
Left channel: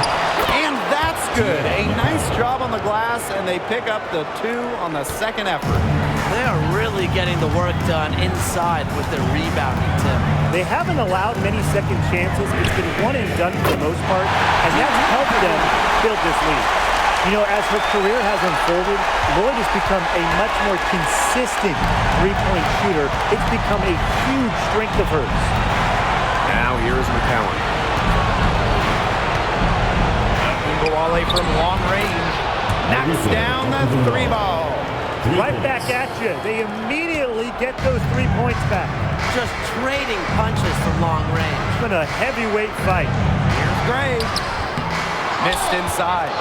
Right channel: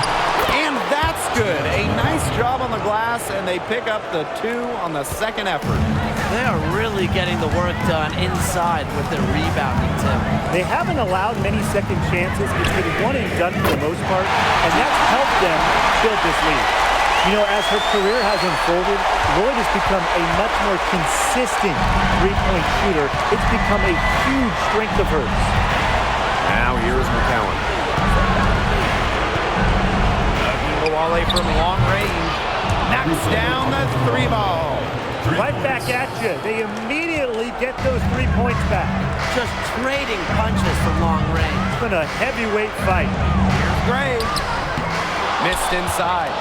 And that's good. A nice job on the glass, and they pick up the 2 on the second effort. They are really getting the work done inside with their rebounding, Tim. They haven't allowed many second chances. It's been one and done for the most part, and that's helped them build this lead. You know, as her career has unfolded, Lloyd has become a much more consistent three-point shooter. It's become a huge strength of hers. Now here is McCowan. Wnba from long range knocks down the 3 ball. Right back at you. They immediately get those 3 points back. Just trading punches from long range. It's been a heavyweight fight. Here's Gray. Missed inside.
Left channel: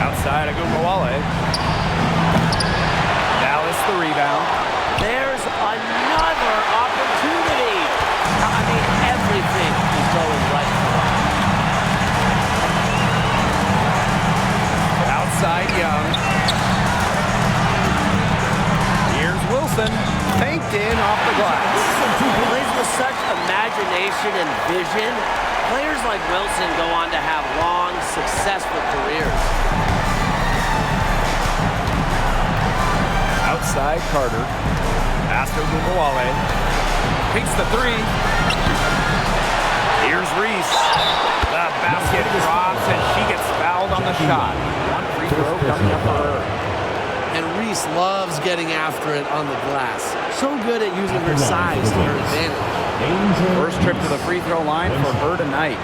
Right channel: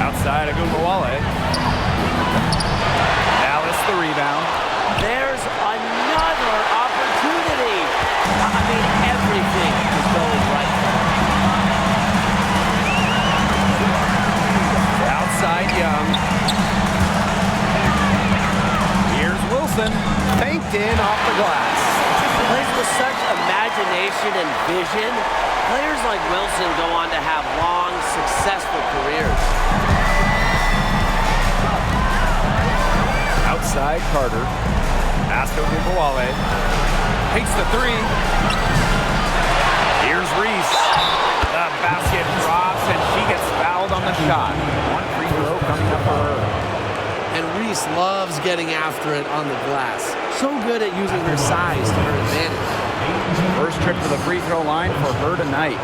Outside of Wnba. Dallas the rebound. There's another opportunity. I mean, everything is going right for them. Outside Young. Here's Wilson. Banked in off the glass. Plays with such imagination and vision. Players like Wilson go on to have long, successful careers. Outside Carter. Pass to Wnba. Takes the 3. Here's Reese. The basket drops, and she gets fouled on the shot. 1 free throw coming up for her. And Reese loves getting after it on the glass. So good at using her size to her advantage. First trip to the free throw line for her tonight.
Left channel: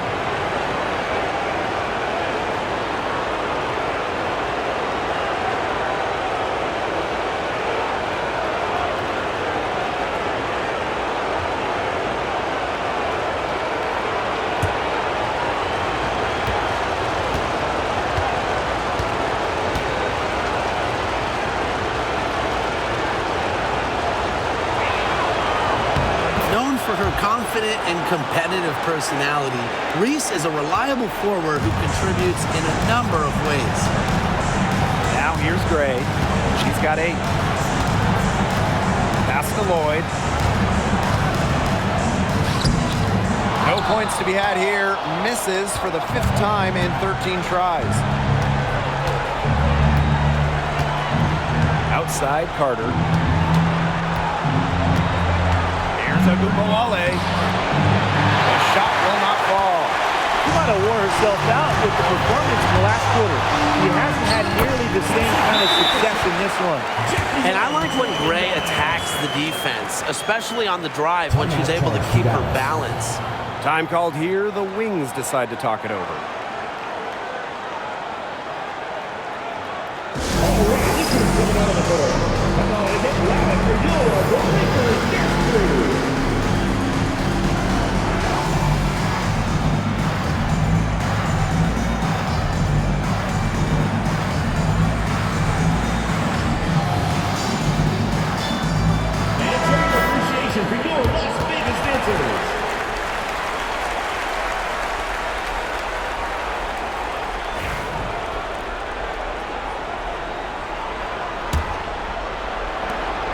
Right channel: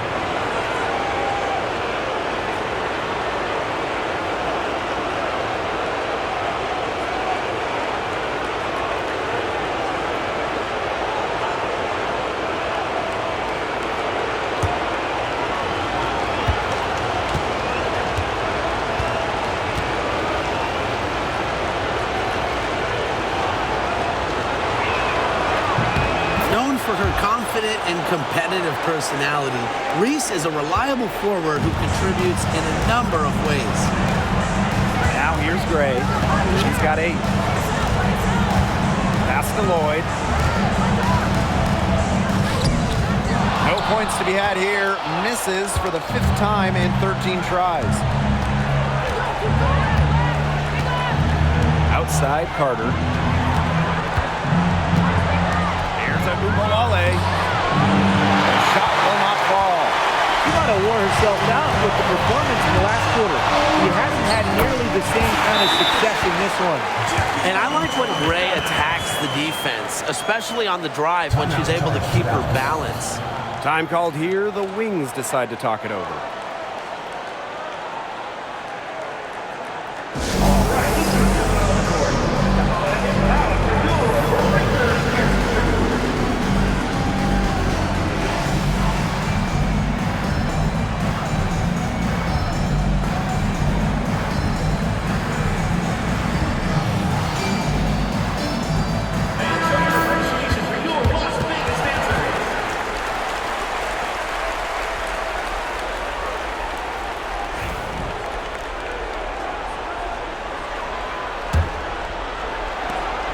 Known for her confident and competitive personality, Reese is a reliable forward who contributes in a number of ways. Now here's Gray. She's got 8. Pass to Lloyd. No points to be had here. Misses for the 5th time in 13 tries. Outside Carter. Wnba. The shot will not fall. She might have wore herself out with the performance in the last quarter. She hasn't had nearly the same kind of success in this one. And I like when Gray attacks the defense, especially on the drive when she's able to keep her balance. Time called here. The Wings decide to talk it over.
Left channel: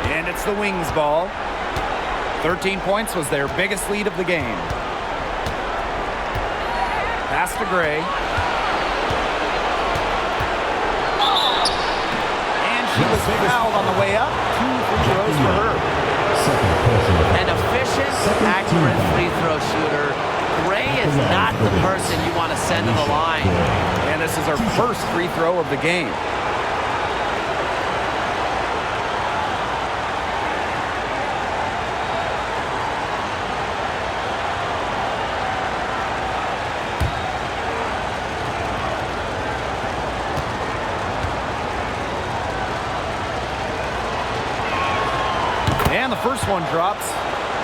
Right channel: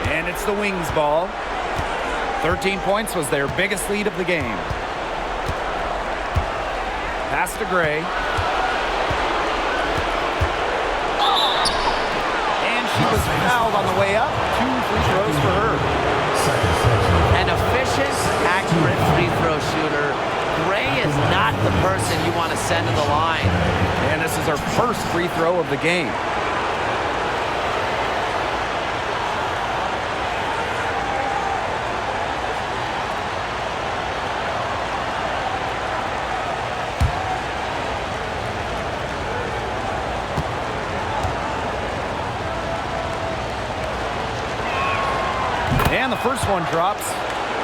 And it's the Wings ball. 13 points was their biggest lead of the game. Pass to Gray. And she was fouled on the way up. 2 free throws for her. An efficient, accurate free throw shooter. Gray is not the person you want to send to the line. And this is her first free throw of the game. And the first one drops.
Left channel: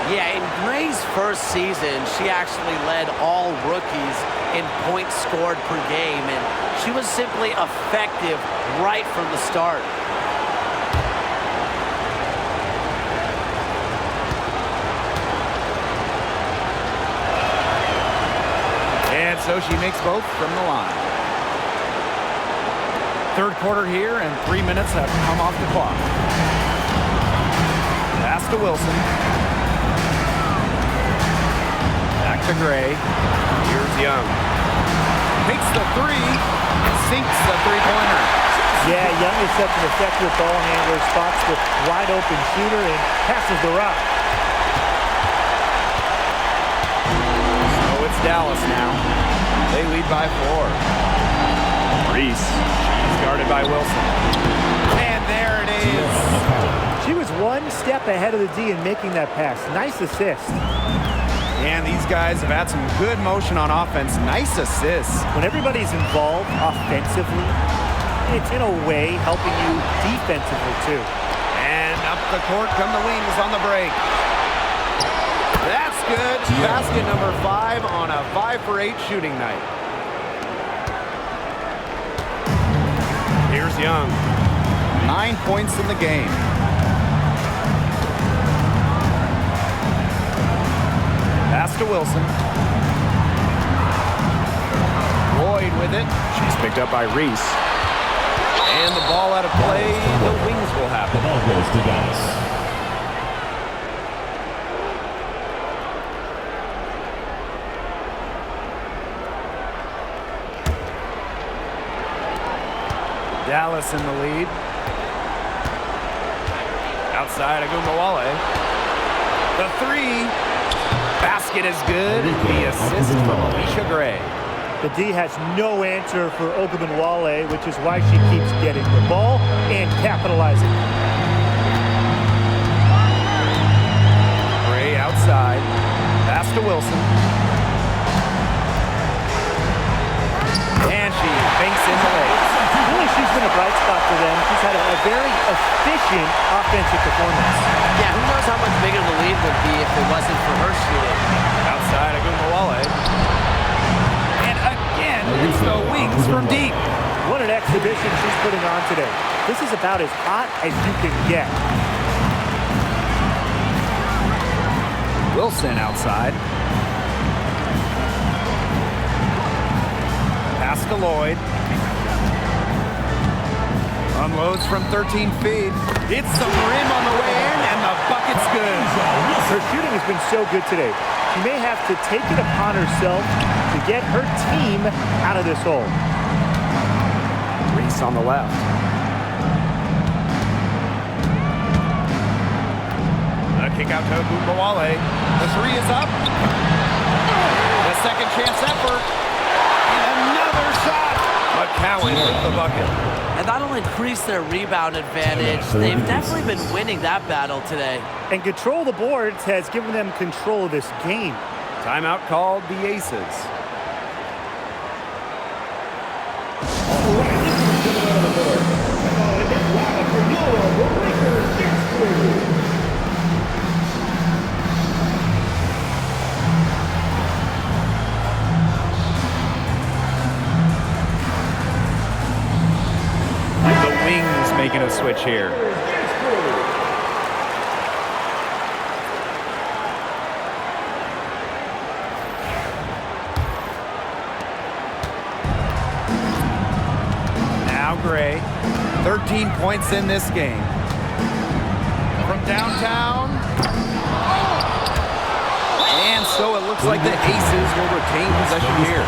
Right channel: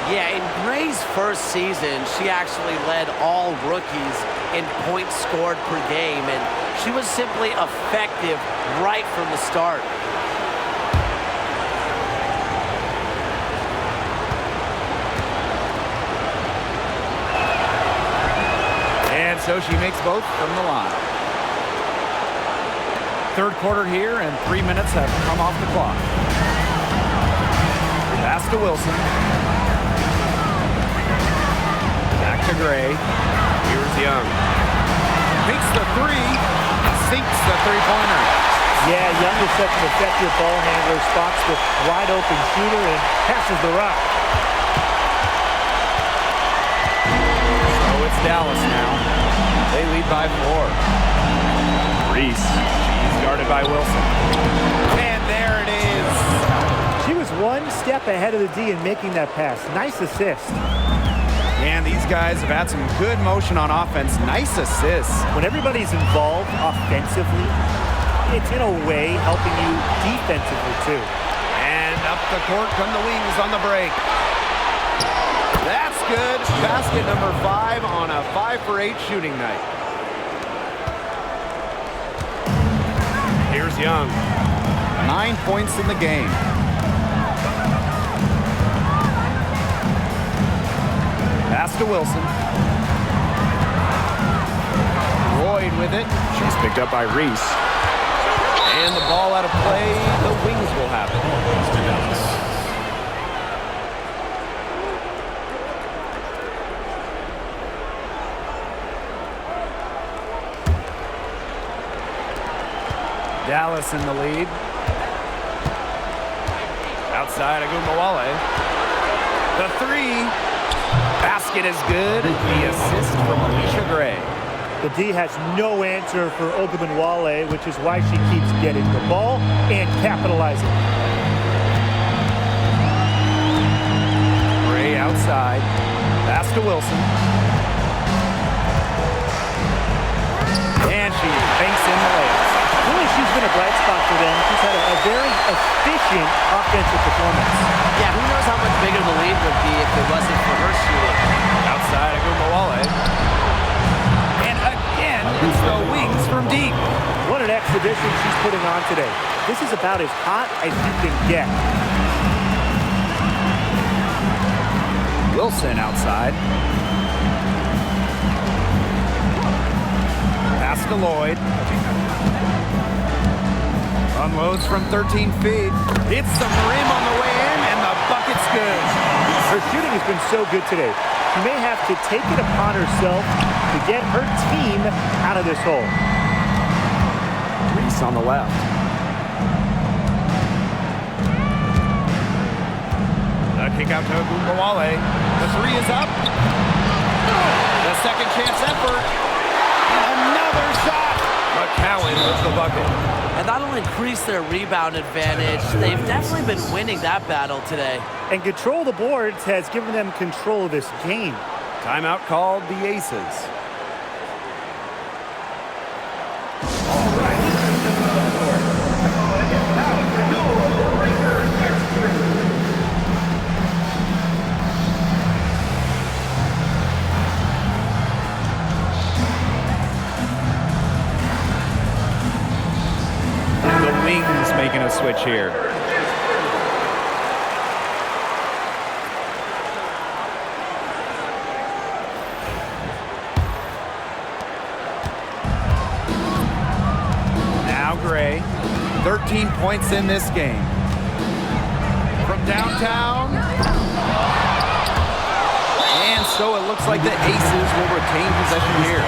Yeah, in Gray's first season, she actually led all rookies in points scored per game, and she was simply effective right from the start. And so she makes both from the line. Third quarter here, and 3 minutes have come off the clock. Pass to Wilson. Back to Gray. Here's Young. Takes the three. Sinks the three-pointer. Yeah, Young is such an effective ball handler. Spots the wide open shooter and passes the rock. So it's Dallas now. They lead by 4. Reese. She's guarded by Wilson. And there it is. She was one step ahead of the D in making that pass. Nice assist. And these guys have had some good motion on offense. Nice assists. When everybody's involved offensively, it's in a way helping you defensively too. And up the court come the Wings on the break. That's good. Basket number 5 on a 5 for 8 shooting night. Here's Young. 9 points in the game. Pass to Wilson. Lloyd with it. She's picked up by Reese. And the ball out of play. The Wings will have it. The ball goes to Dallas. Dallas in the lead. Outside Wnba. The three. Basket is good. The assist from Alicia Gray. The D has no answer for Wnba, which is why she keeps getting the ball and capitalizing. Gray outside. Pass to Wilson. And she banks in the layup. Really, she's been a bright spot for them. She's had a very efficient offensive performance. Yeah, who knows how much bigger the lead would be if it wasn't for her shooting. Outside Wnba. And again, it's the Wings from deep. What an exhibition she's putting on today. This is about as hot as you can get. Wilson outside. Pass to Lloyd. Unloads from 13 feet. Hits some rim on the way in, and the bucket's good. Her shooting has been so good today. She may have to take it upon herself to get her team out of this hole. Reese on the left. The kick out to Wnba. The three is up. The second chance effort. And another shot. McCowan with the bucket. And that'll increase their rebound advantage. They've definitely been winning that battle today. And control of the boards has given them control of this game. Timeout called the Aces. The Wings making a switch here. Now Gray, 13 points in this game. From downtown. And so it looks like the Aces will retain possession here.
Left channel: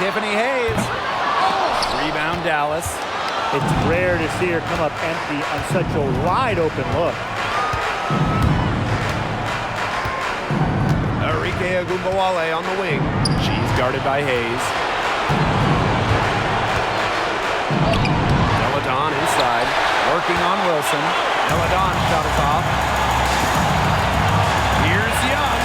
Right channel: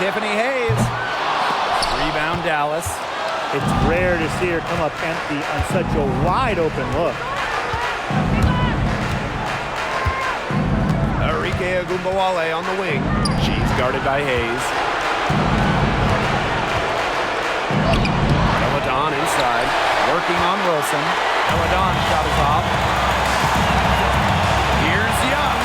Tiffany Hayes. Rebound, Dallas. It's rare to see her come up empty on such a wide open look. Arike Wnba on the wing. She's guarded by Hayes. Deladon inside, working on Wilson. Deladon shot is off. Here's Young.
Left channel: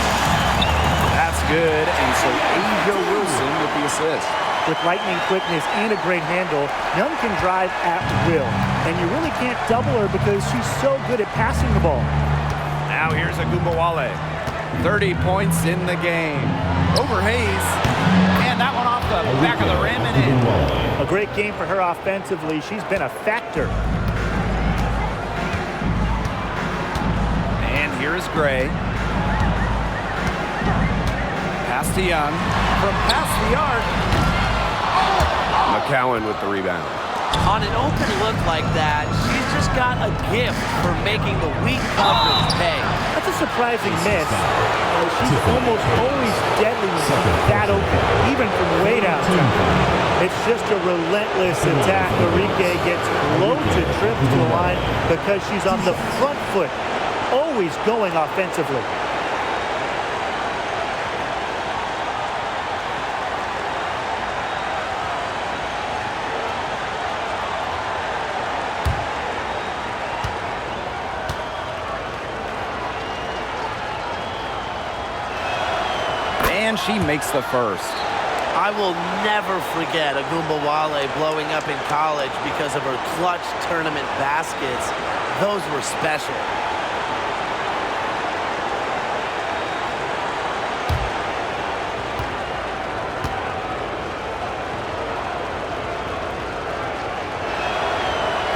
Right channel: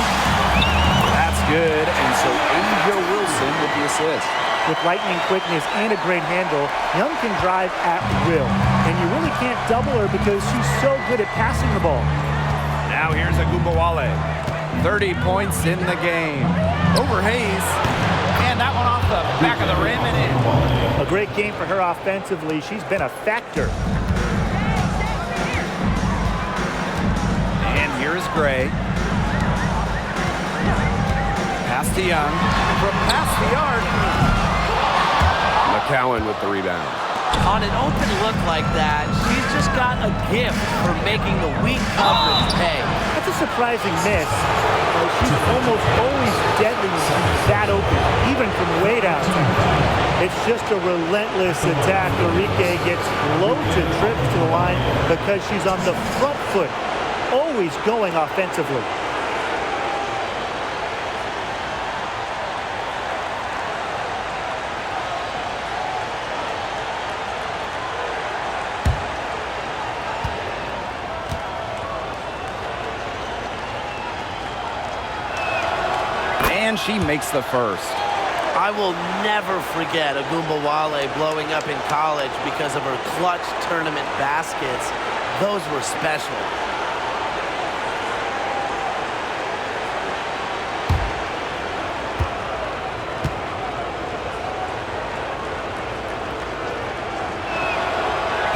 That's good, and so Asia Wilson with the assist. With lightning quickness and a great handle, Young can drive at will. And you really can't double her because she's so good at passing the ball. Now here's Wnba. 30 points in the game. Over Hayes. And that one off the back of the rim and in. A great game for her offensively. She's been a factor. And here's Gray. Pass to Young. From past the arc. McCowan with the rebound. On an open look like that, she's just got a gift for making the weak coverage pay. That's a surprising miss. She's almost always deadly when she's that open, even from way downtown. It's just a relentless attack. Arike gets low to trips to the line because she's on the front foot, always going offensively. And she makes the first. I will never forget Wnba blowing up in college because of her clutch tournament baskets. Those were special.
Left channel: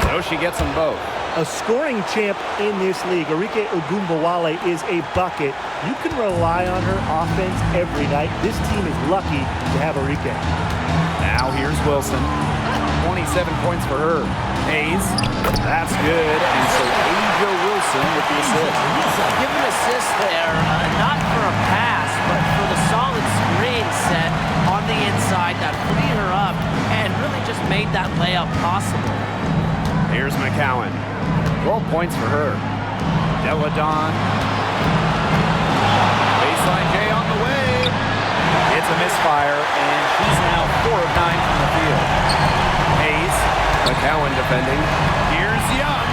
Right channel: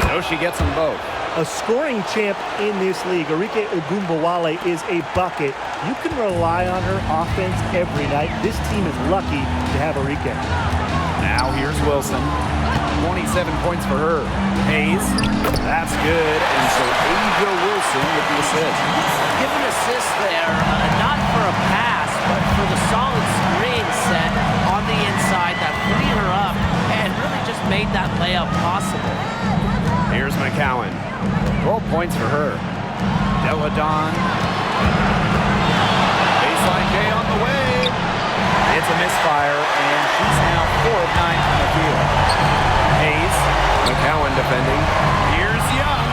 So she gets them both. A scoring champ in this league, Arike Wnba is a bucket. You can rely on her offense every night. This team is lucky to have Arike. Now here's Wilson. 27 points for her. Hayes. That's good. And so Asia Wilson with the assist. Give an assist there, not for a pass, but for the solid screen set on the inside that freed her up and really just made that layup possible. Here's McCowan. 12 points for her. Deladon. Baseline J on the way. It's a misfire, and she's now 4 of 9 from the field. Hayes. McCowan defending. Here's Young.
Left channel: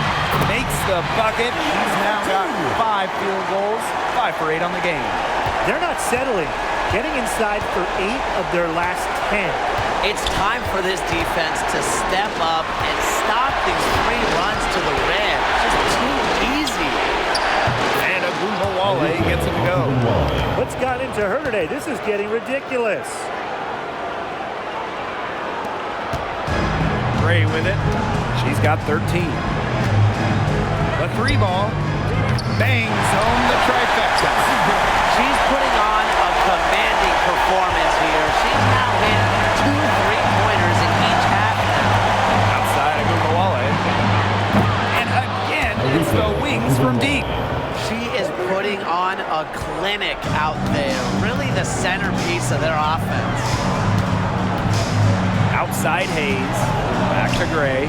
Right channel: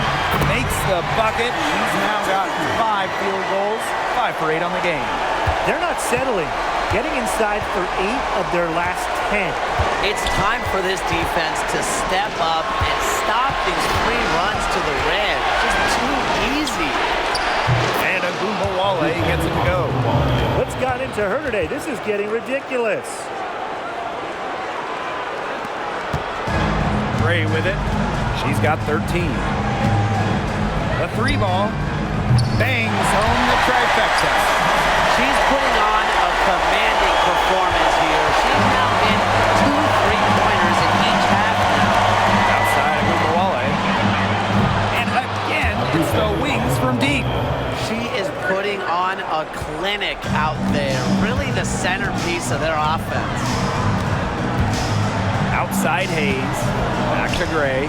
Makes the bucket. She's now got 5 field goals. 5 for 8 on the game. They're not settling. Getting inside for 8 of their last 10. It's time for this defense to step up and stop these free runs to the rim. It's just too easy. And Wnba gets it to go. What's got into her today? This is getting ridiculous. Gray with it. She's got 13. The 3 ball. Bangs home the trifecta. She's putting on a commanding performance here. She's now hit 2 3-pointers in each half now. Outside Wnba. And again, it's the wings from deep. She is putting on a clinic out there. Really the centerpiece of their offense. Outside Hayes. Back to Gray.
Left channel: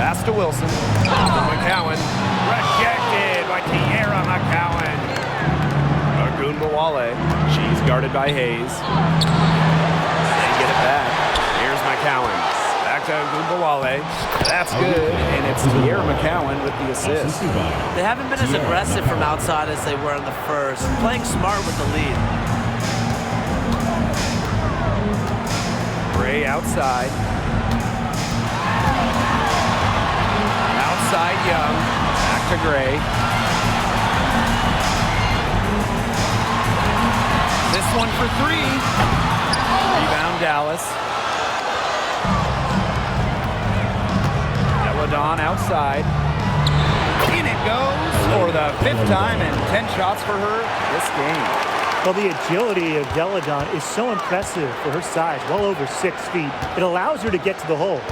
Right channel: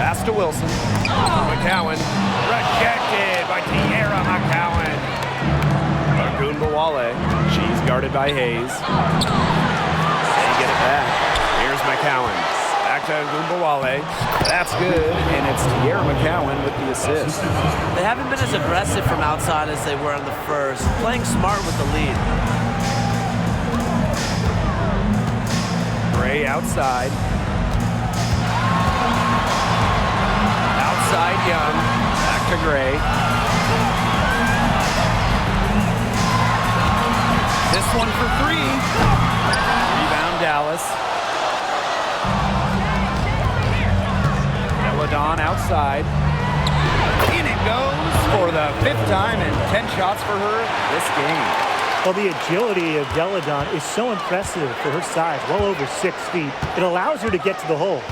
Pass to Wilson. For McCowan. Rejected by Tierra McCowan. Wnba. She's guarded by Hayes. They get it back. Here's McCowan. Back to Wnba. That's good, and it's Tierra McCowan with the assist. They haven't been as aggressive from outside as they were in the first. Playing smart with the lead. Gray outside. Outside Young. Back to Gray. This one for 3. Rebound Dallas. Deladon outside. In it goes for the 5th time and 10 shots for her this game. Well, the agility of Deladon is so impressive for her size, well over 6 feet. It allows her to get to the hole.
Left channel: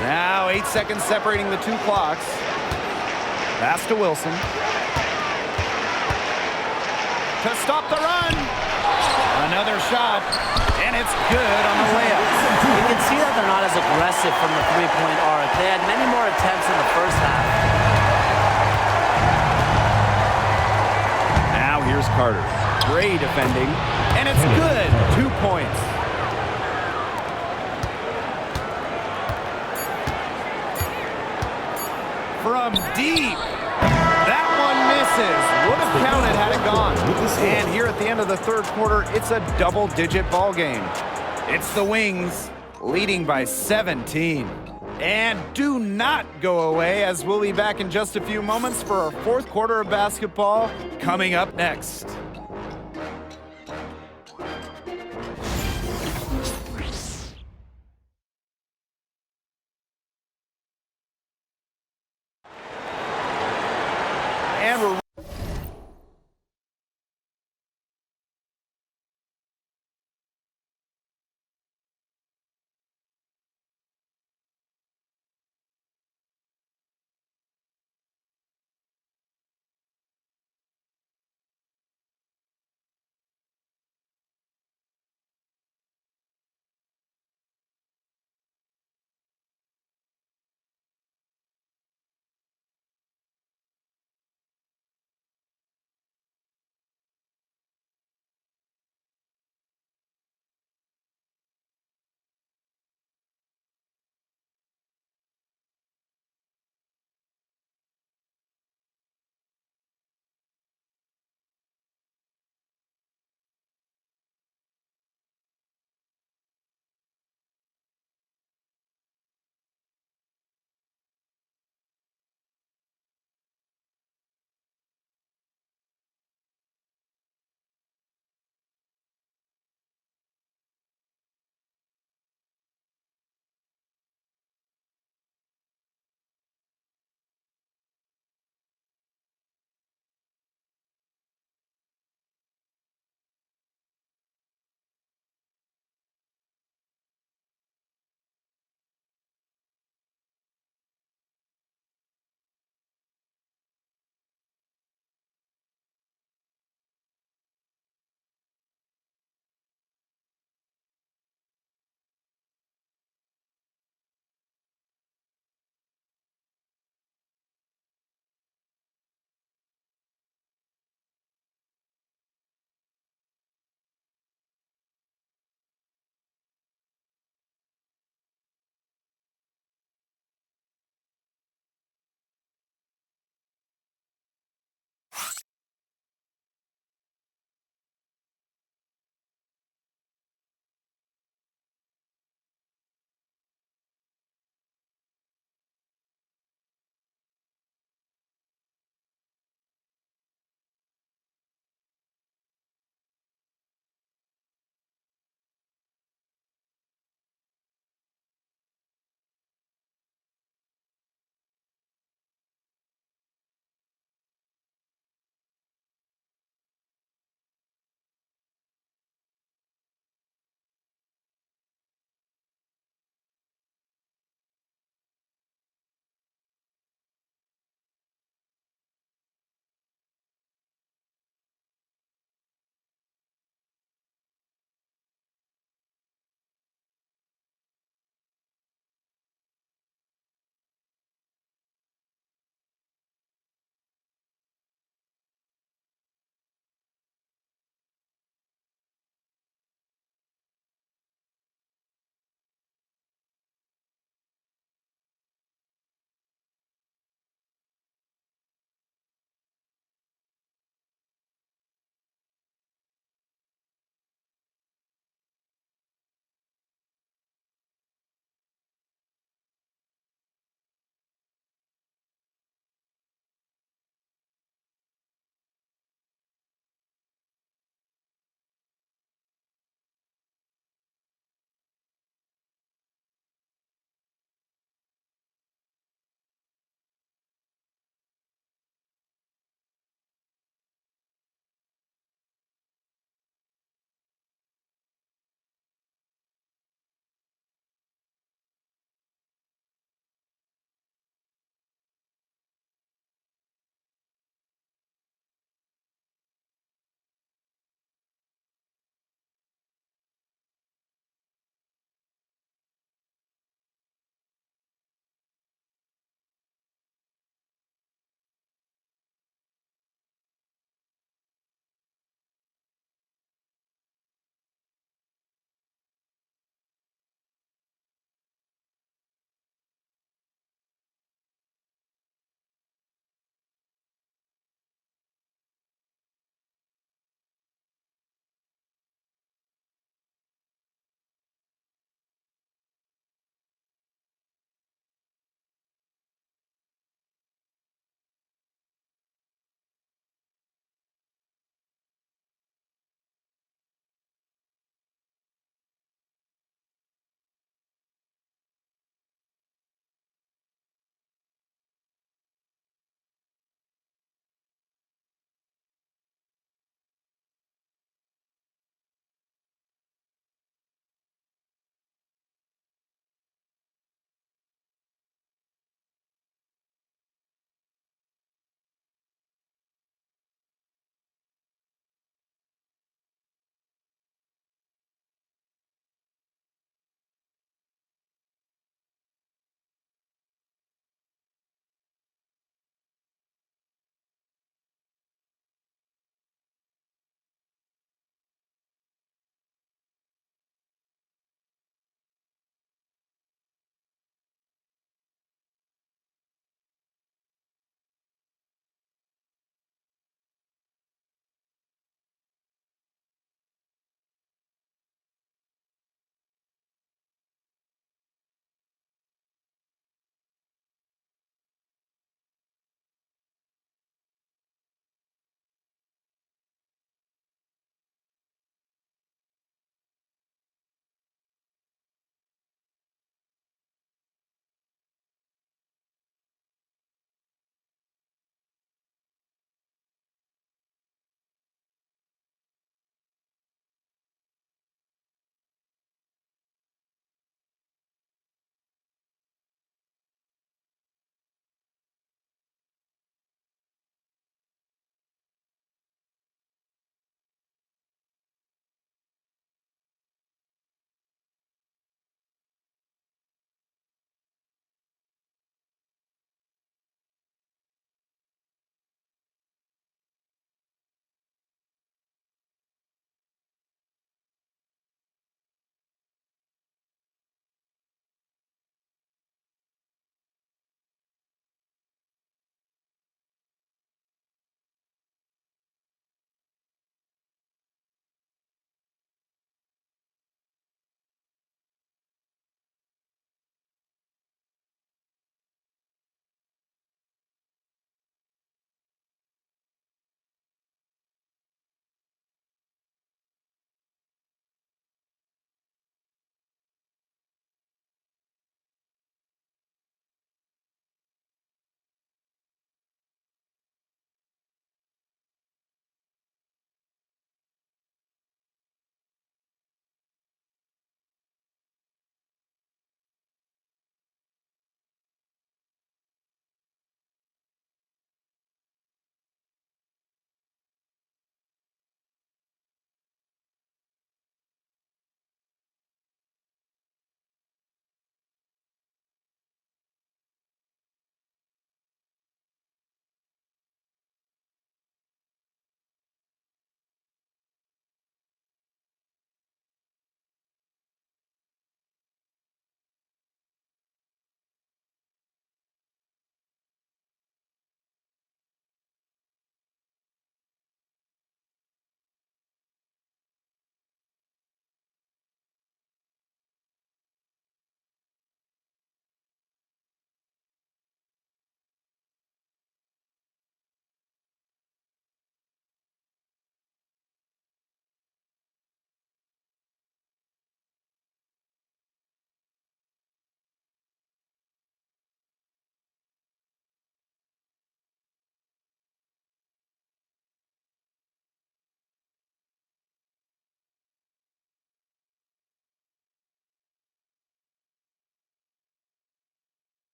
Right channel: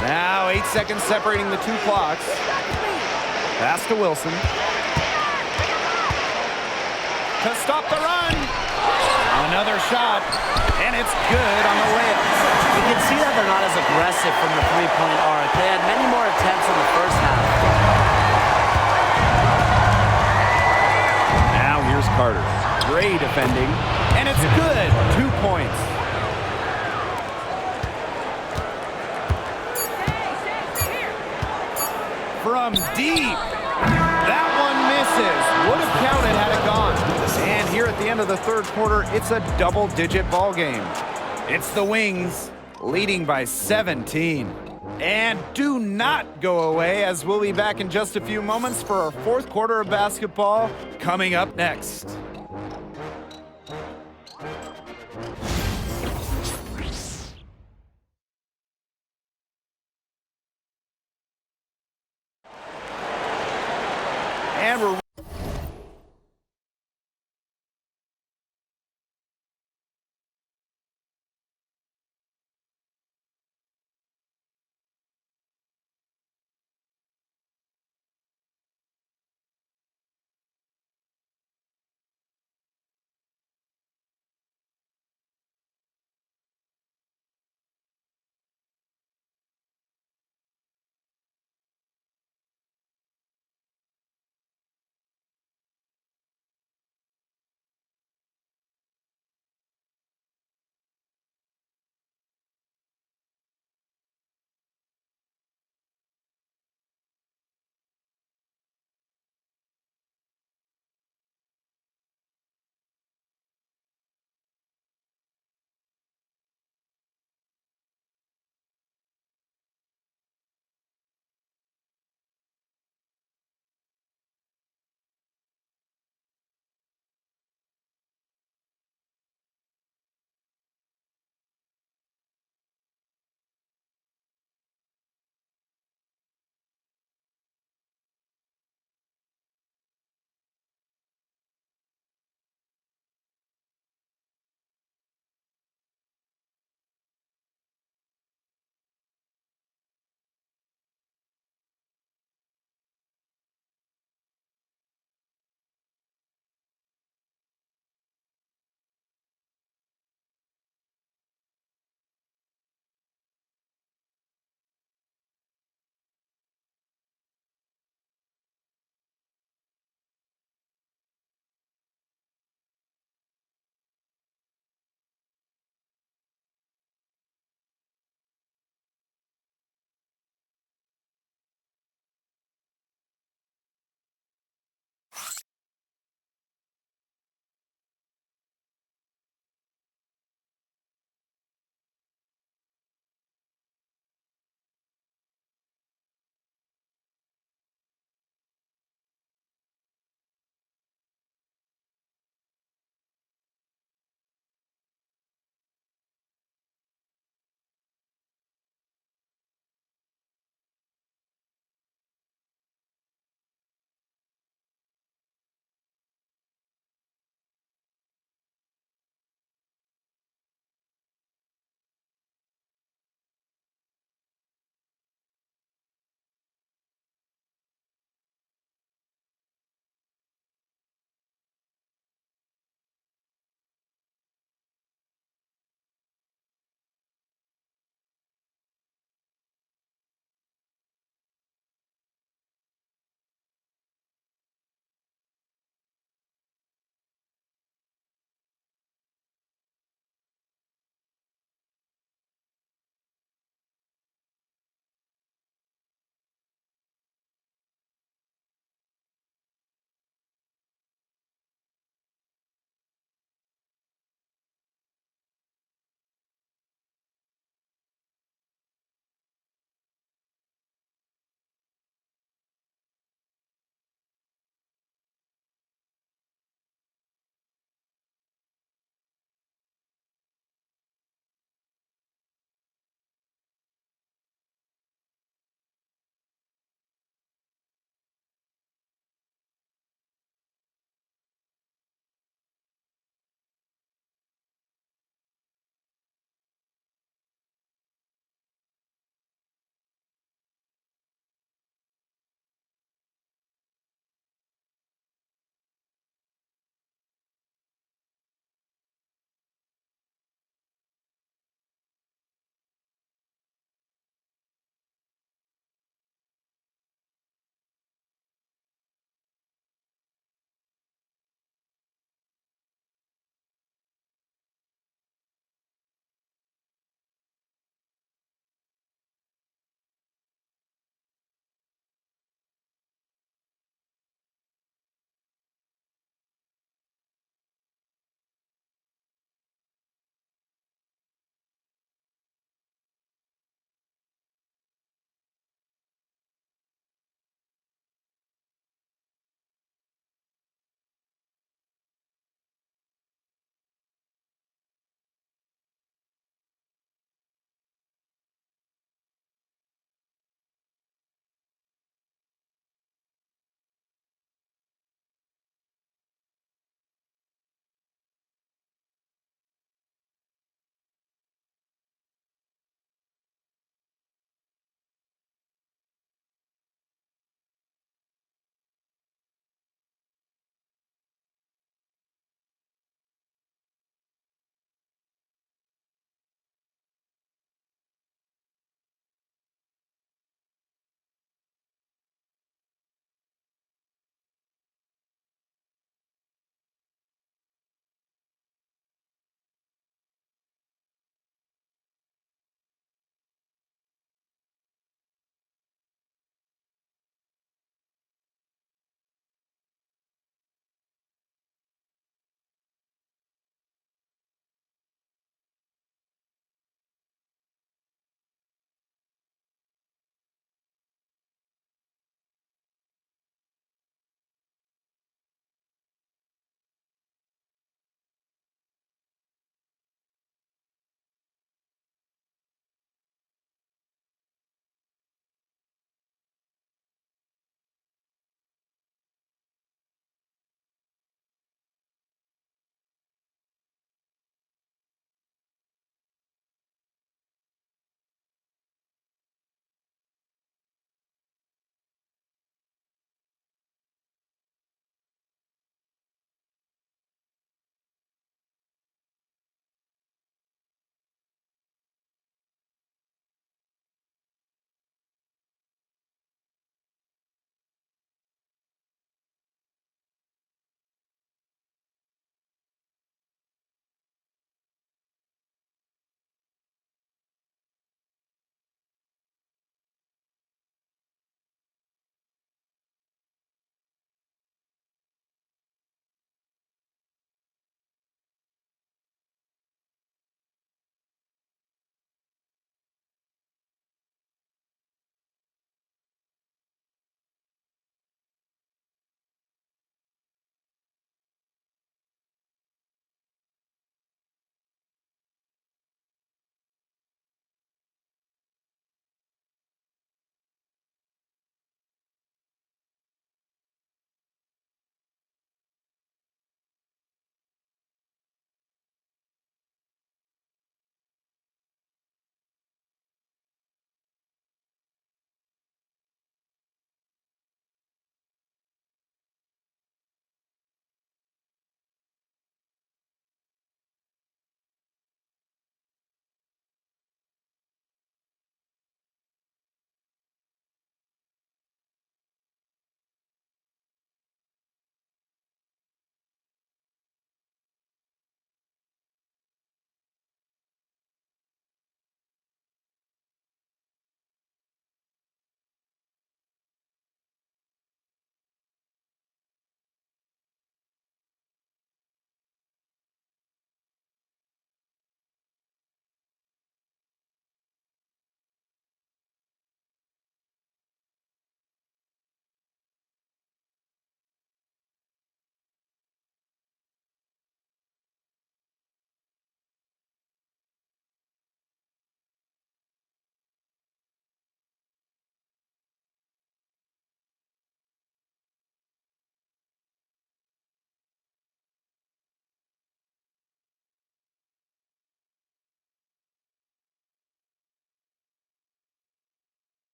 Now 8 seconds separating the 2 clocks. Pass to Wilson. to stop the run. Another shot, and it's good on the layup. You can see that they're not as aggressive from the three-point arc. They had many more attempts in the first half. Now here's Carter. Gray defending, and it's good. 2 points. From deep. That one misses. Would have counted had it gone. And here at the end of the third quarter, it's a double-digit ball game. It's the Wings leading by 17. And do not go away, as we'll be back in just a few moments for our fourth quarter of basketball coming up next. And we're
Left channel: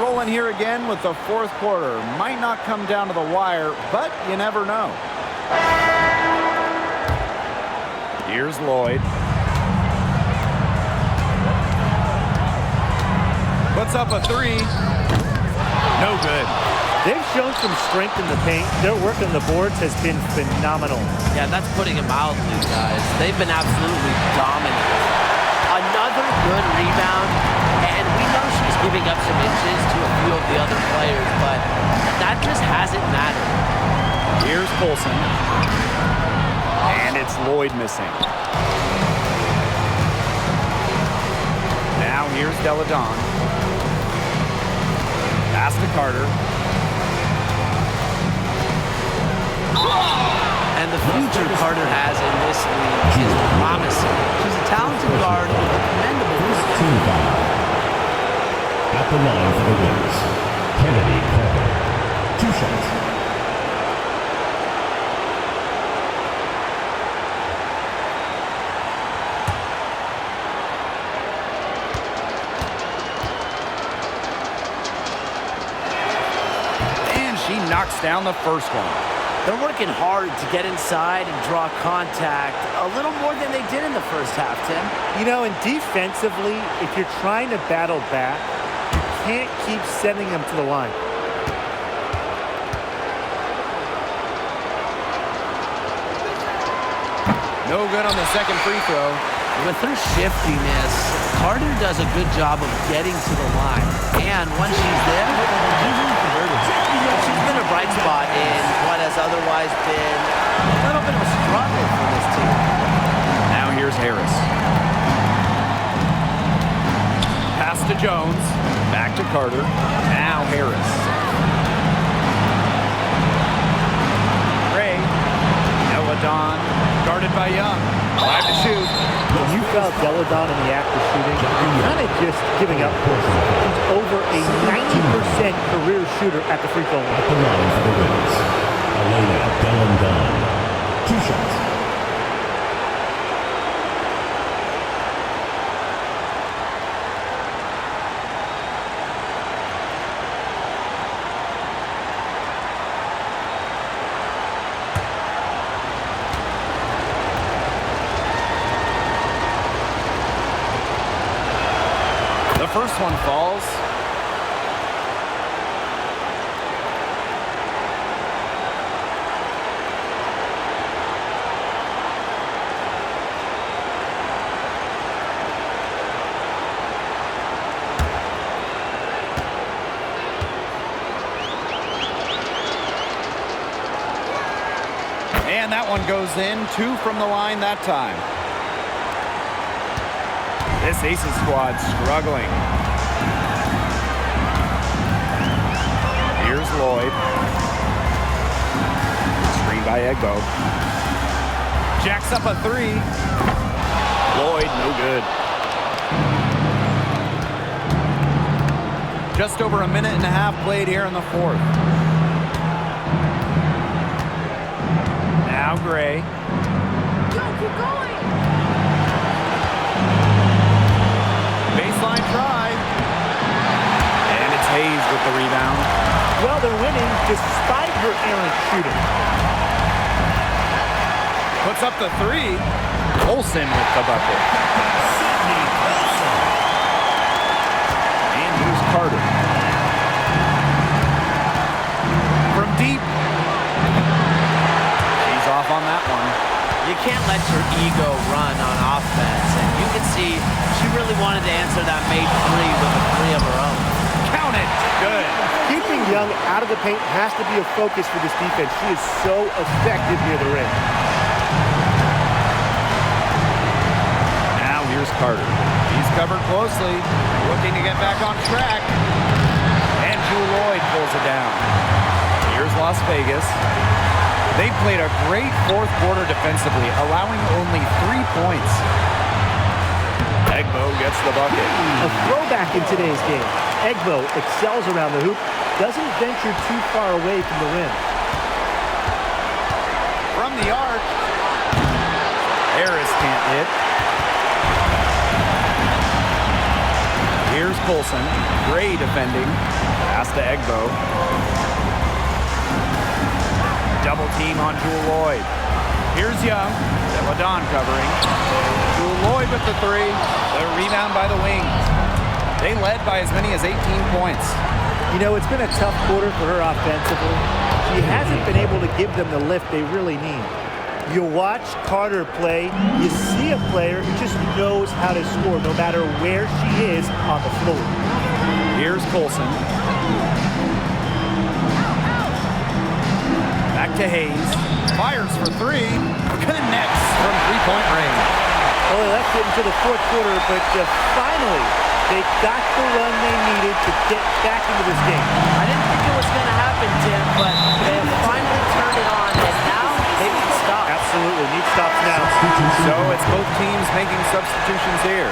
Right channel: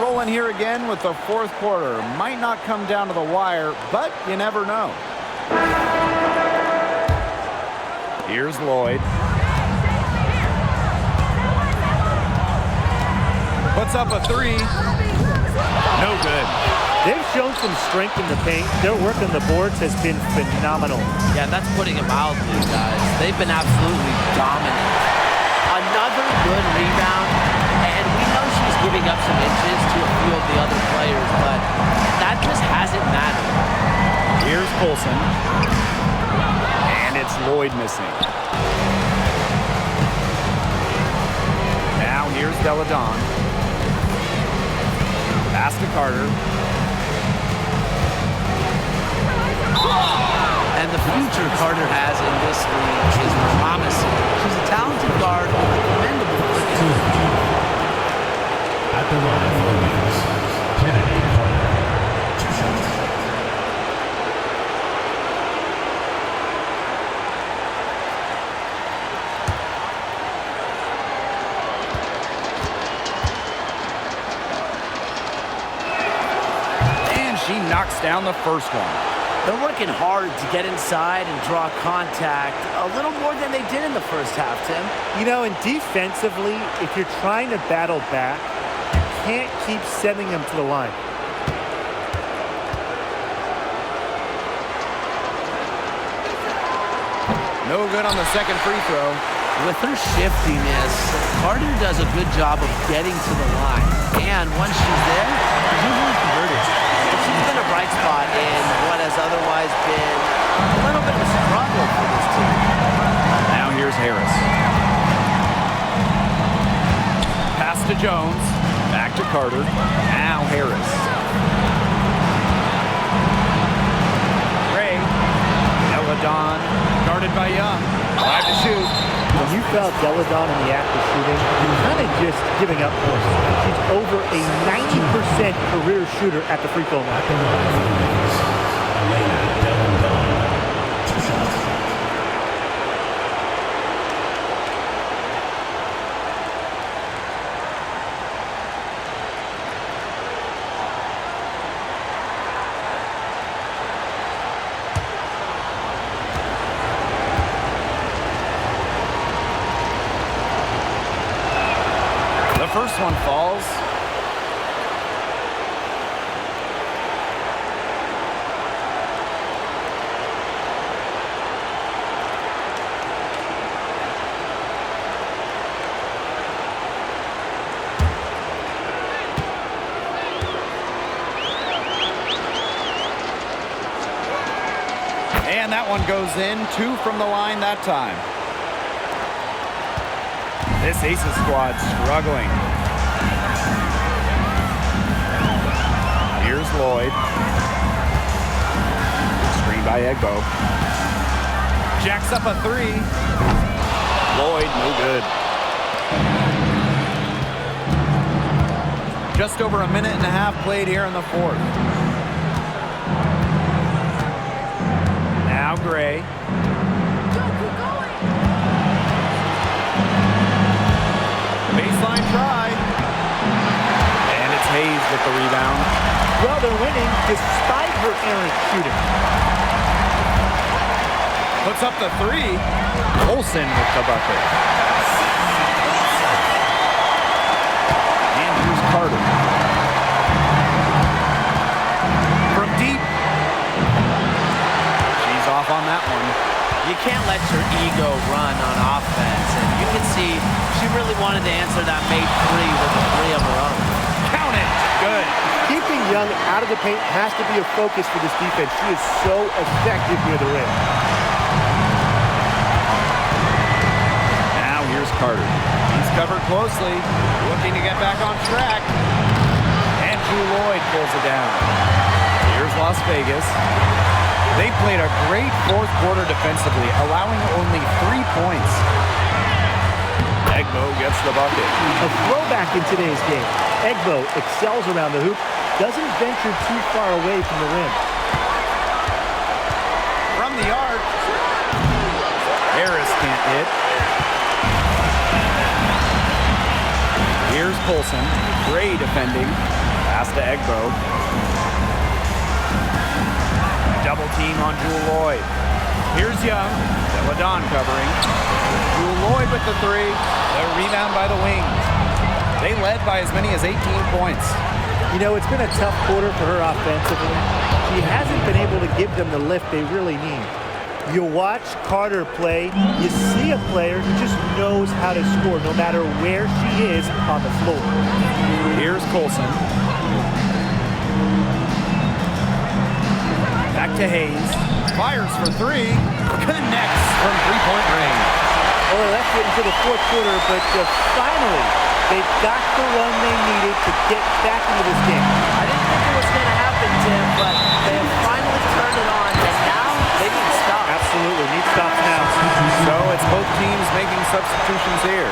Rolling here again with the fourth quarter. Might not come down to the wire, but you never know. Here's Lloyd. Puts up a three. No good. They've shown some strength in the paint. Their work on the boards has been phenomenal. Yeah, that's putting it mildly, guys. They've been absolutely dominant. Another good rebound, and we know she's giving up some inches to a few of the other players, but that just hasn't mattered. Here's Colson. And it's Lloyd missing. Now here's Deladon. Pass to Carter. And the future Carter has in this league is promising. She's a talented guard with a commendable work ethic. At the line for the Wings, Kennedy Carter. 2 shots. And she knocks down the first one. They're working hard to get inside and draw contact a little more than they did in the first half, Tim. You know, and defensively, if you're trying to battle back, you can't keep sending them to the line. No good on the second free throw. With her shiftiness, Carter does a good job of getting to the line. And once she's there, she's usually converted. She's been a bright spot in what has otherwise been a little bit of a struggle for this team. Now here's Harris. Pass to Jones. Back to Carter. Now Harris. Ray. Deladon. Guarded by Young. 5 to shoot. When you foul Deladon in the act of shooting, you're kind of just giving up points. She's over a 90% career shooter at the free throw line. At the line for the Wings, Elena Delandon. 2 shots. The first one falls. And that one goes in. 2 from the line that time. This Aces squad struggling. Here's Lloyd. Screen by Wnba. Jacks up a 3. Lloyd, no good. Just over a minute and a half played here in the fourth. Now Gray. Go, keep going. Baseline try. And it's Hayes with the rebound. Well, they're winning despite her errant shooting. Puts up the 3. Olsen with the bucket. And here's Carter. From deep. She's off on that one. You can't let your ego run on offense, and you can see she really wanted to answer that made 3 with a 3 of her own. Count it. Good. Keeping Young out of the paint has to be a focus for this defense. She is so effective near the rim. Now here's Carter. He's covered closely, looking to get back on track. And Jewel Lloyd pulls it down. Here's Las Vegas. They played a great fourth quarter defensively, allowing only 3 points. Wnba gets the bucket. A throwback in today's game. Wnba excels around the hoop, doesn't venture too far away from the rim. From the arc. Harris can't hit. Here's Colson. Gray defending. Pass to Egbo. Double team on Jewel Lloyd. Here's Young. Deladon covering. There's Jewel Lloyd with the three. The rebound by the Wings. They led by as many as 18 points. You know, it's been a tough quarter for her offensively. She hasn't been able to give them the lift they really need. You watch Carter play, you see a player who just knows how to score no matter where she is on the floor. Here's Colson. Back to Hayes. Fires for three. Connects from three-point range. Well, they left it until the fourth quarter, but finally, they got the run they needed to get back into this game. I didn't think it was going to happen, Tim, but they have finally turned it on, and now they need stops. Absolutely, need stops now. So it's both teams making substitutions here.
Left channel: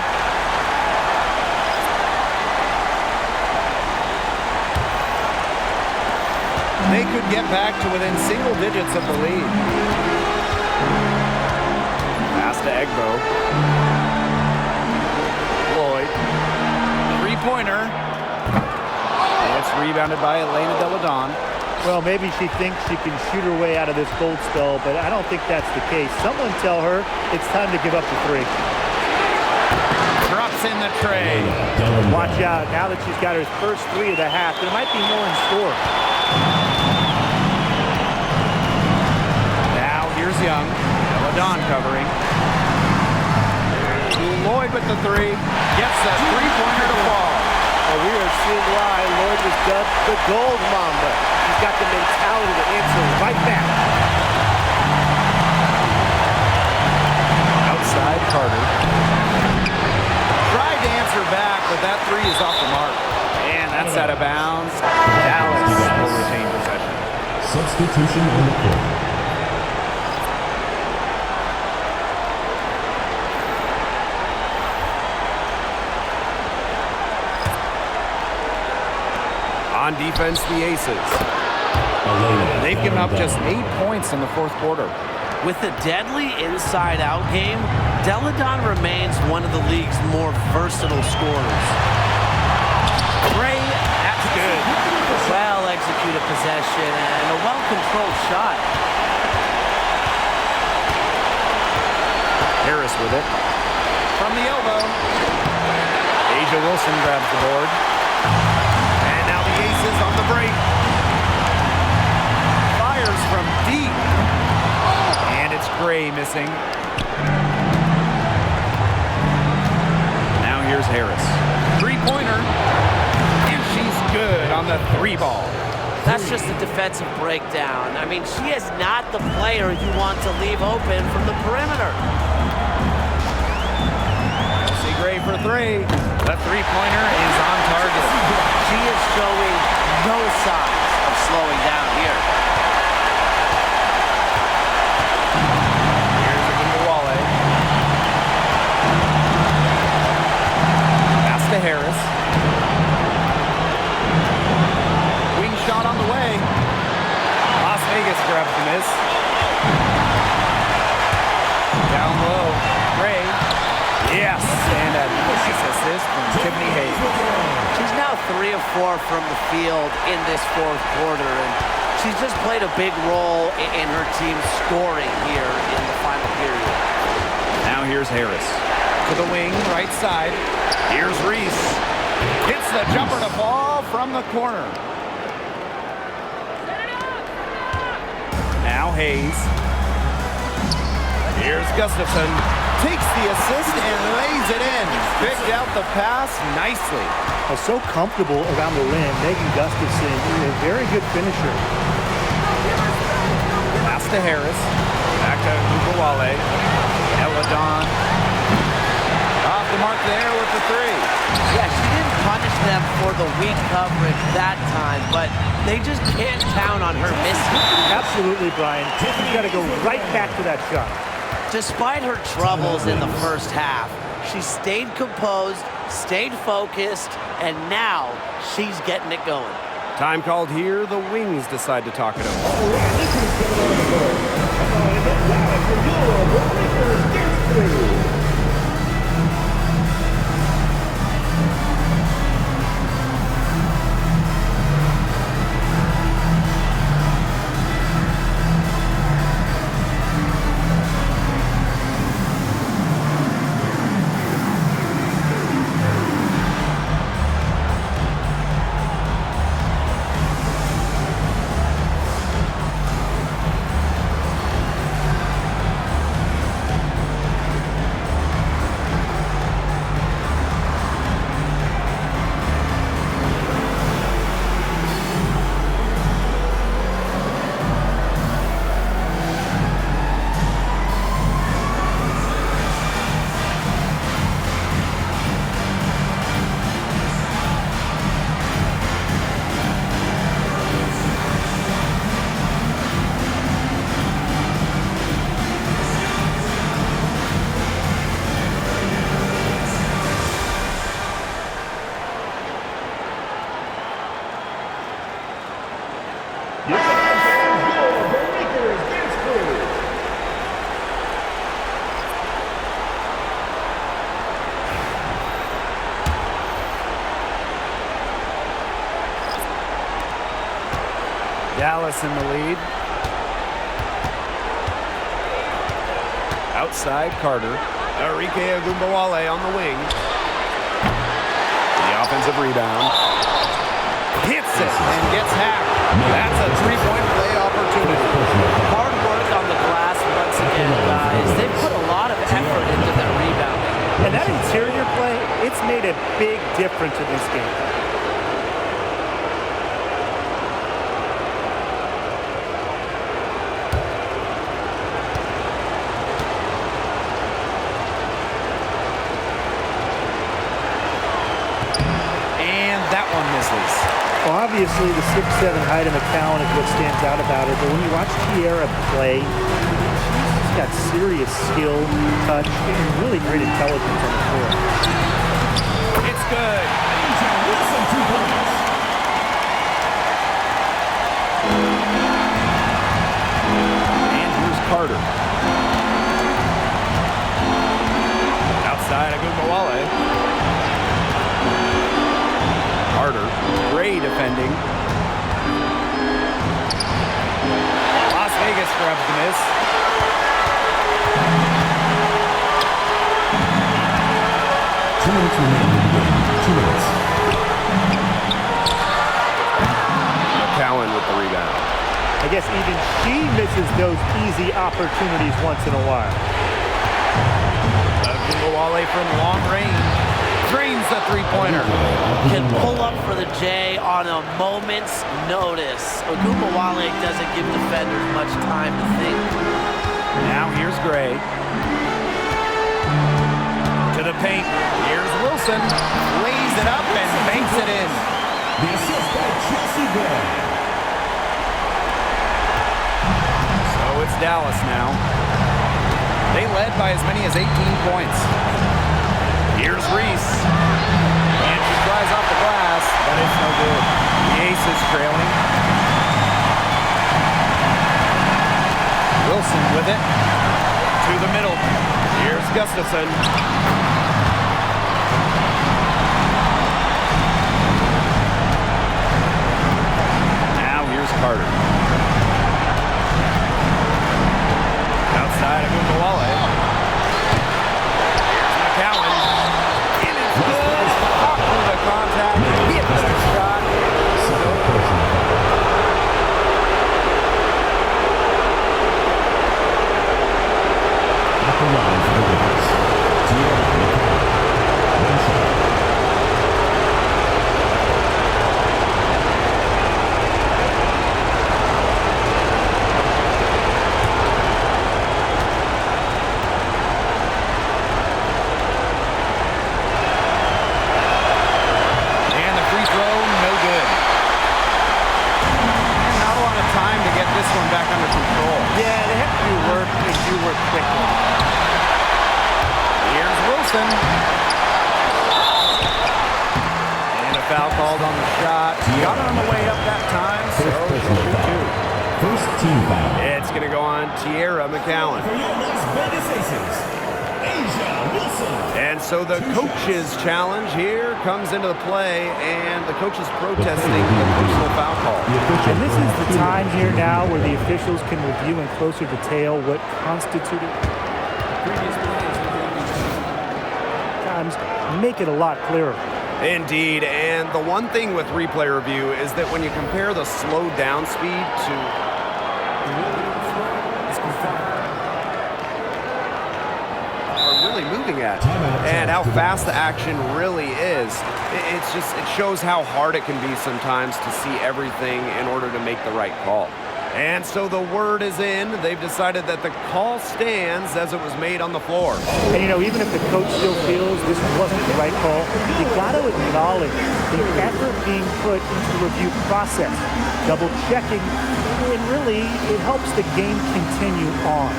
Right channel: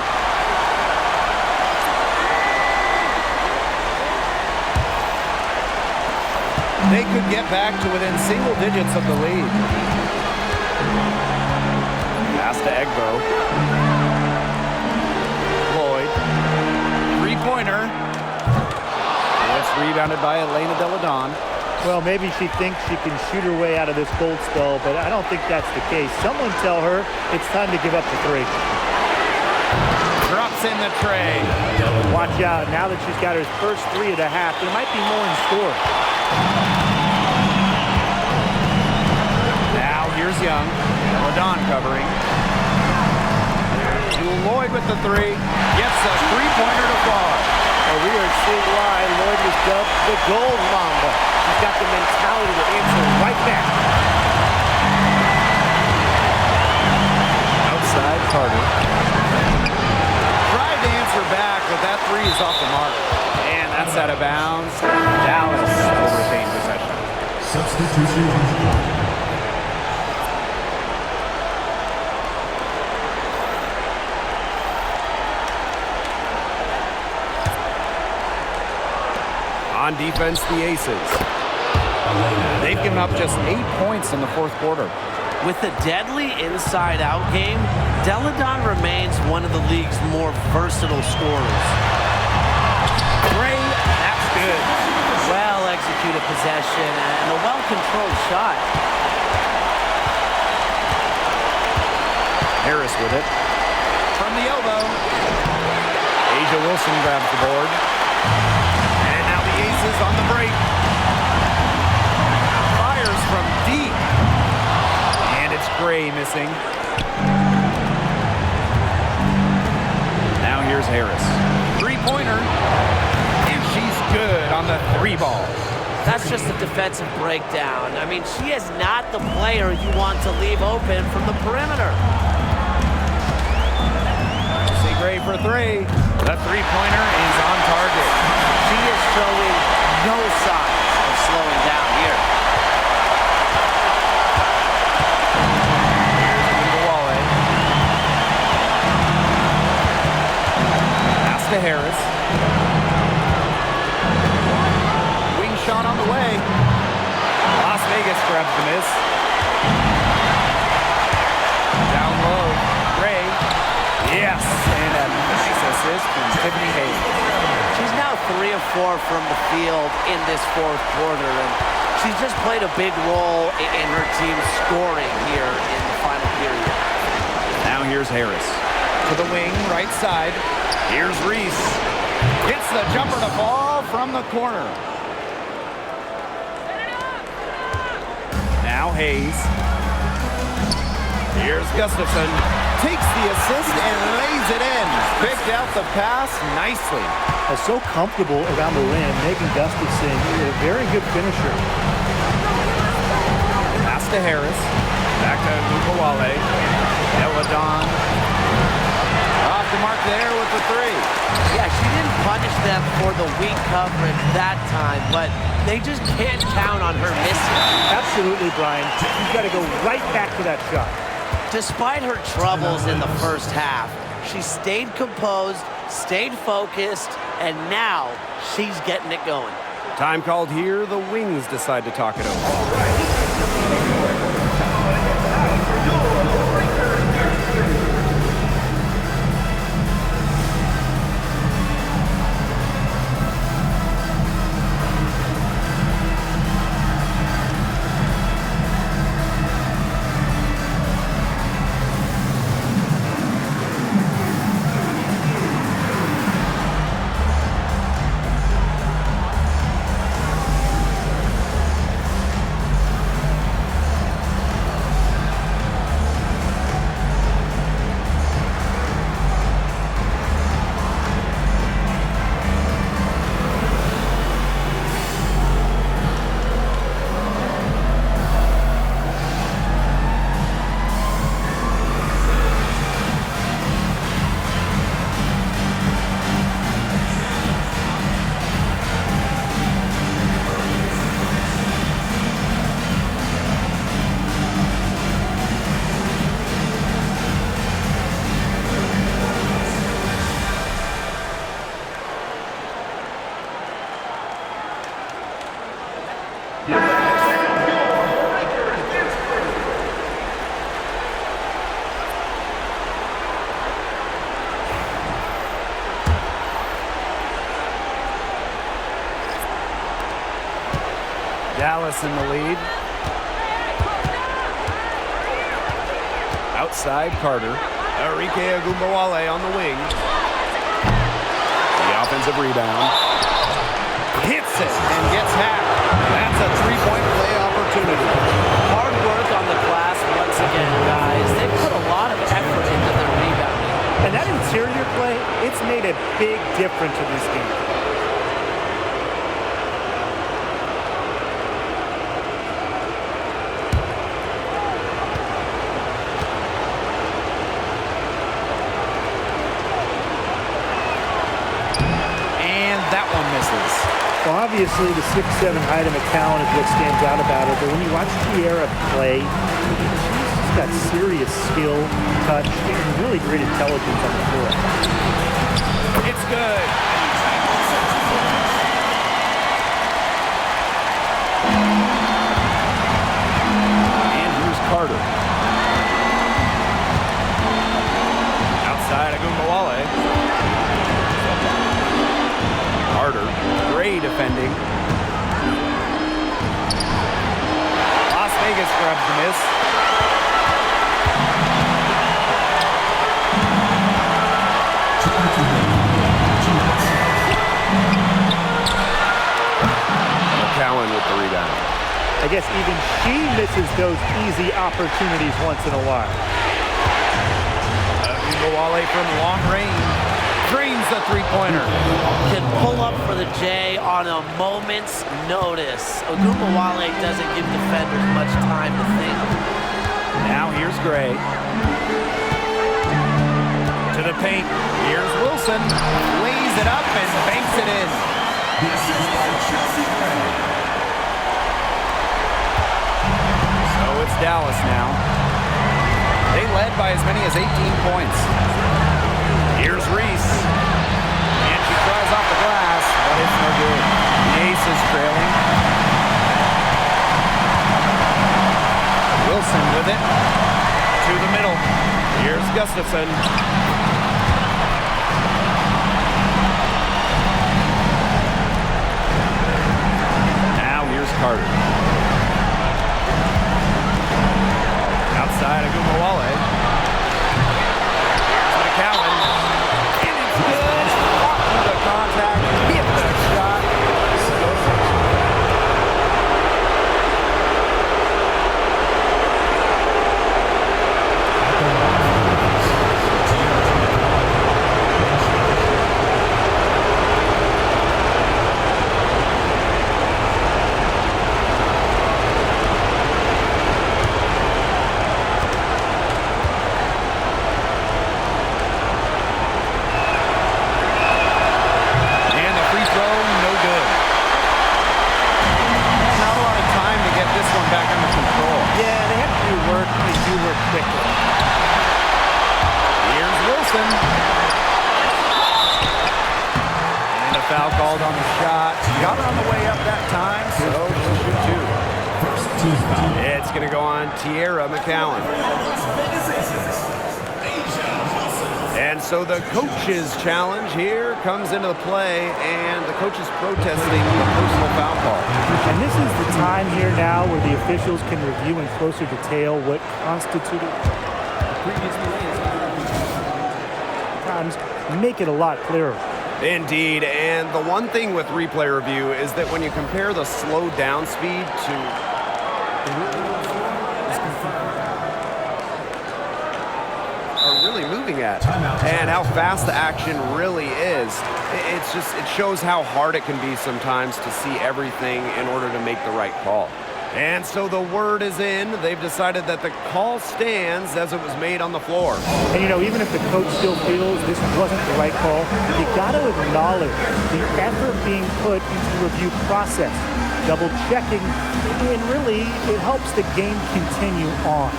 They could get back to within single digits of the lead. Pass to Egbo. Lloyd. Three-pointer. It's rebounded by Elena Deladon. Well, maybe she thinks she can shoot her way out of this cold spell, but I don't think that's the case. Someone tell her it's time to give up the three. Drops in the tray. Watch out. Now that she's got her first three of the half, there might be more in store. Now here's Young. Deladon covering. There's Jewel Lloyd with the three. Gets a three-pointer to fall. Oh, we are seeing why Lloyd was dubbed the Gold Mamba. She's got the mentality to answer right back. Outside Carter. Tried to answer back, but that three is off the mark. And that's out of bounds. Dallas will retain possession. Substitution on the court. On defense, the Aces. They've given up just 8 points in the fourth quarter. With a deadly inside-out game, Deladon remains one of the league's more versatile scorers. Gray, that's good. Well-executed possession and a well-controlled shot. Harris with it. From the elbow. Asia Wilson grabs the board. And now the Aces on the break. Fires from deep. And it's Gray missing. Now here's Harris. Three-pointer. And she's good on the three ball. That's just a defensive breakdown. I mean, she is not the player you want to leave open from the perimeter. Chelsea Gray for three. The three-pointer is on target. She is showing no signs of slowing down here. Here's Wnba. Pass to Harris. Wing shot on the way. Las Vegas grabs the miss. Down low. Gray. Yes, and a nice assist from Tiffany Hayes. She's now 3 of 4 from the field in this fourth quarter, and she's just played a big role in her team scoring here in the final period. Now here's Harris. To the wing, right side. Here's Reese. Hits the jumper to fall from the corner. Now Hayes. Here's Gustafson. Takes the assist and lays it in. Picked out the pass nicely. So comfortable around the rim. Megan Gustafson, a very good finisher. Pass to Harris. Back to Wnba. Deladon. Off the mark there with the three. Yeah, she didn't punish them for the weak coverage that time, but they just can't count on her missing. Absolutely, Brian. She's got to go right back to that shot. Despite her troubles in the first half, she stayed composed, stayed focused, and now she's getting it going. Time called here. The Wings decide to talk it over. Dallas in the lead. Outside Carter. Enrique Wnba on the wing. The offensive rebound. Hits it and gets hacked. That's a three-point play opportunity. Hard work on the glass once again, guys. They've put a lot of effort into their rebounding. And that interior play, it's made a big difference in this game. And that one misses. Well, obviously, the 6'7" height of McCowan is what stands out about her. But when you watch Tierra play, she's just got serious skill, touch, and really great intelligence on the floor. It's good. And here's Carter. Outside of Wnba. Carter, Gray defending. Las Vegas grabs the miss. McCowan with the rebound. I guess even she misses those easy opportunities once in a while. Wnba from long range. Drains the three-pointer. Can pull up for the J on a moment's notice. Wnba doesn't give defenders much time to think. Now here's Gray. To the paint. Here's Wilson. Lays it up and banks it in. The assist by Chelsea Gray. So it's Dallas now. They led by as many as 18 points. Here's Reese. And she tries off the glass, but it's no good. The Ace is trailing. Wilson with it. To the middle. Here's Gustafson. Now here's Carter. Outside of Wnba. Here's McCowan. And it's good. Fought through the contact. Hit the shot. He'll go to the line. At the line for the Lakers, Tierra McCowan. One shot. Time to get this one back under control. Yeah, they have to do work and do work quickly. Here's Wilson. And a foul called on the shot. Got her on the way up that time, so she'll shoot two. First team foul. It's going to go on Tierra McCowan. For your Las Vegas Aces, Asia Wilson. And so the coaches' challenge here comes into the play, and the coaches protesting the personal foul call. And this is the time here now where the officials can review in closer detail what constituted the previous plays. Times make it a lot clearer. Indeed, and the one thing with replay review is that when you compare the slow down speed to the ruling on the floor is confirmed. Are really moving at Timeout. and how fast the action really is. It shows how hard it can be sometimes to see everything in order to make the right call. And so the word is in. They've decided that the call stands as it was made on the floor. And you know, even if the coach still feels this wasn't the right call, you got to acknowledge the effort being put into the review process, double checking, and really it helps the game continue on.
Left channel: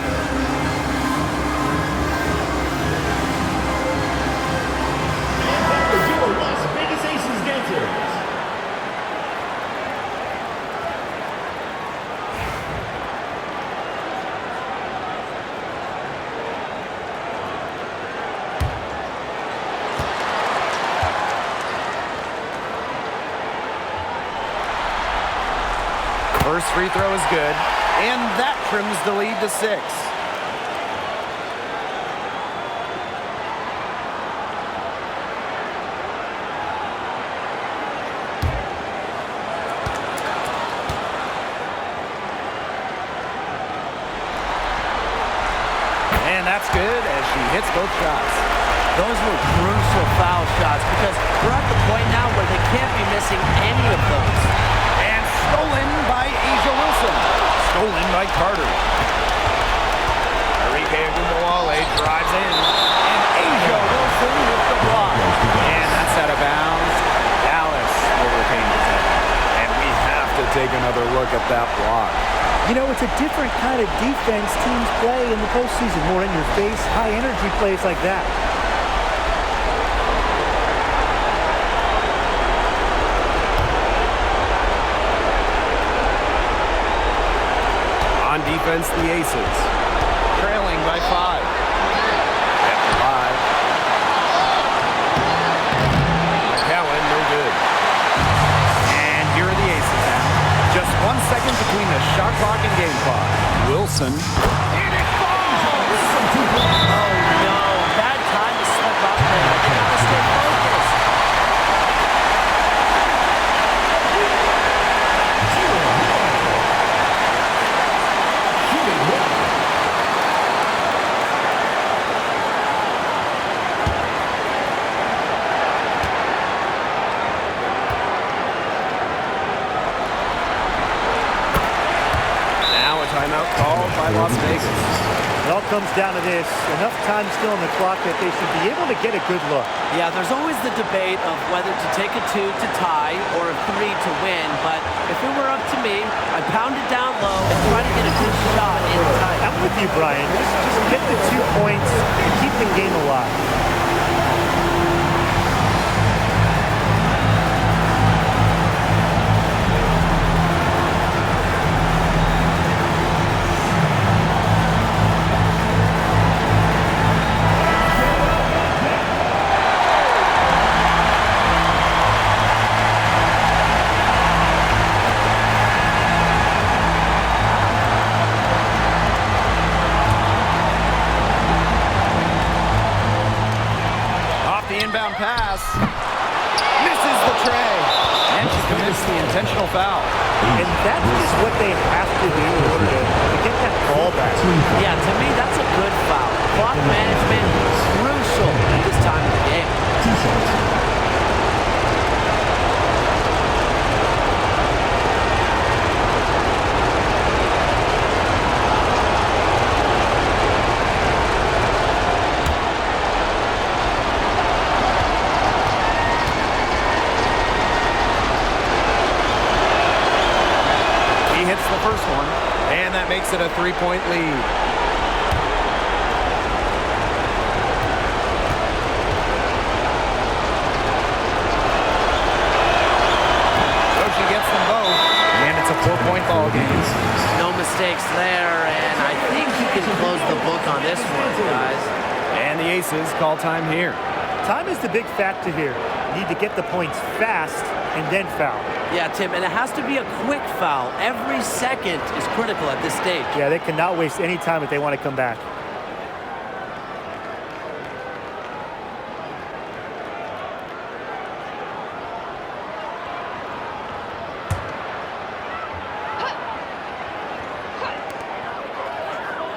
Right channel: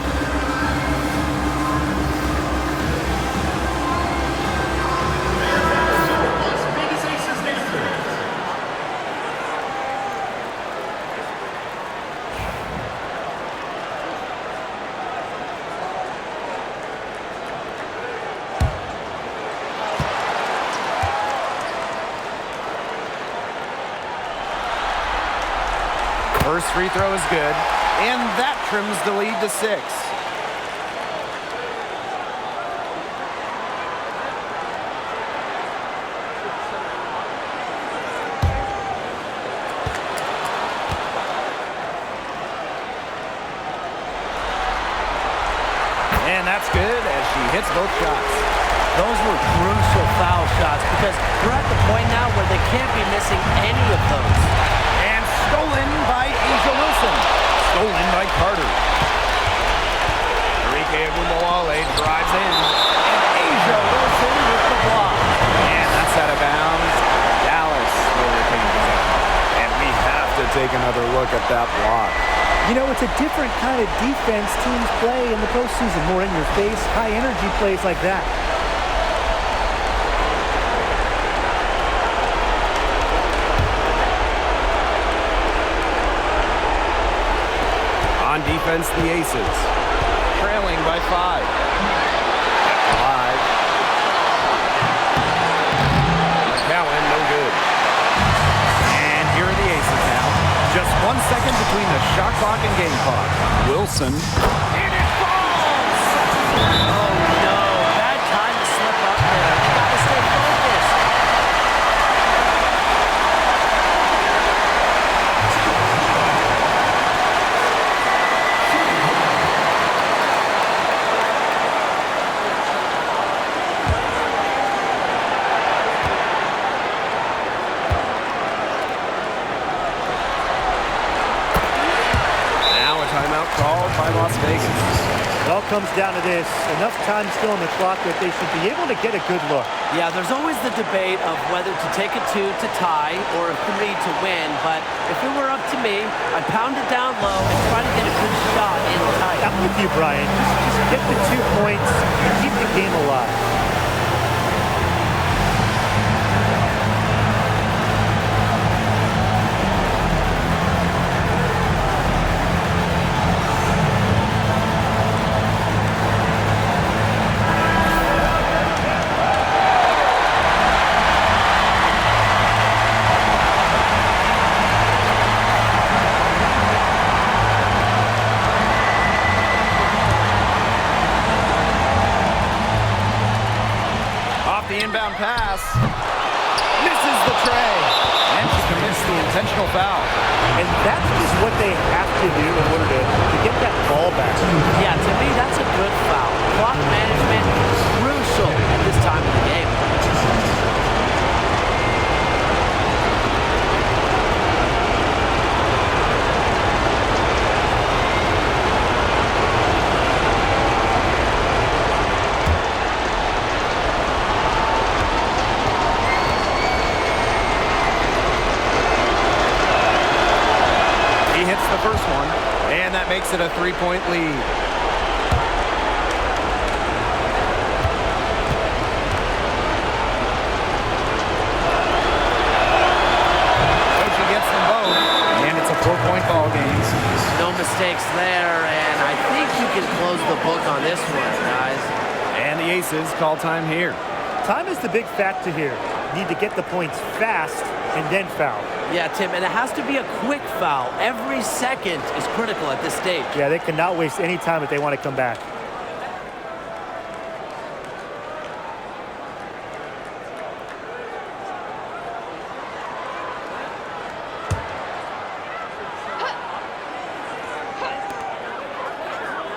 Your Las Vegas Aces dancers. First free throw is good, and that trims the lead to 6. And that's good as she hits both shots. Those were crucial foul shots because we're at the point now where they can't be missing any of those. And stolen by Asia Wilson. Stolen by Carter. Enrique Wnba drives in. And Asia Wilson with the block. And that's out of bounds. Dallas will retain possession. And we have to take another look at that block. You know, it's a different kind of defense teams play in the postseason. More in your face, high energy plays like that. On defense, the Aces. Trailing by 5. Kept alive. McCowan, no good. And here are the Aces now. Just 1 second between the shot clock and game clock. Wilson. And it falls! Oh, no. Bad time to slip up there. They got to stay focused. Now a timeout called by Las Vegas. It all comes down to this. Enough time still on the clock that they should be able to get a good look. Yeah, there's always the debate of whether to take a 2 to tie or a 3 to win, but if it were up to me, I'd pound it down low and try to get a good shot in tight. I'm with you, Brian. Just get the 2 points and keep the game alive. The inbound pass. Misses the tray. And she commits the intentional foul. And that's just what they have to do in order to get that ball back. Yeah, to me, that's a good foul. Clock management, crucial at this time of the game. He hits the first one, and that makes it a 3-point lead. So she gets them both, and it's a 4-point ball game. No mistakes there, and I think you can close the book on this one, guys. And the Aces call time here. Time is the big factor here. You need to get the points fast and then foul. Yeah, Tim, and it has to be a quick foul. Every second is critical at this stage. Yeah, they cannot waste any time if they want to come back.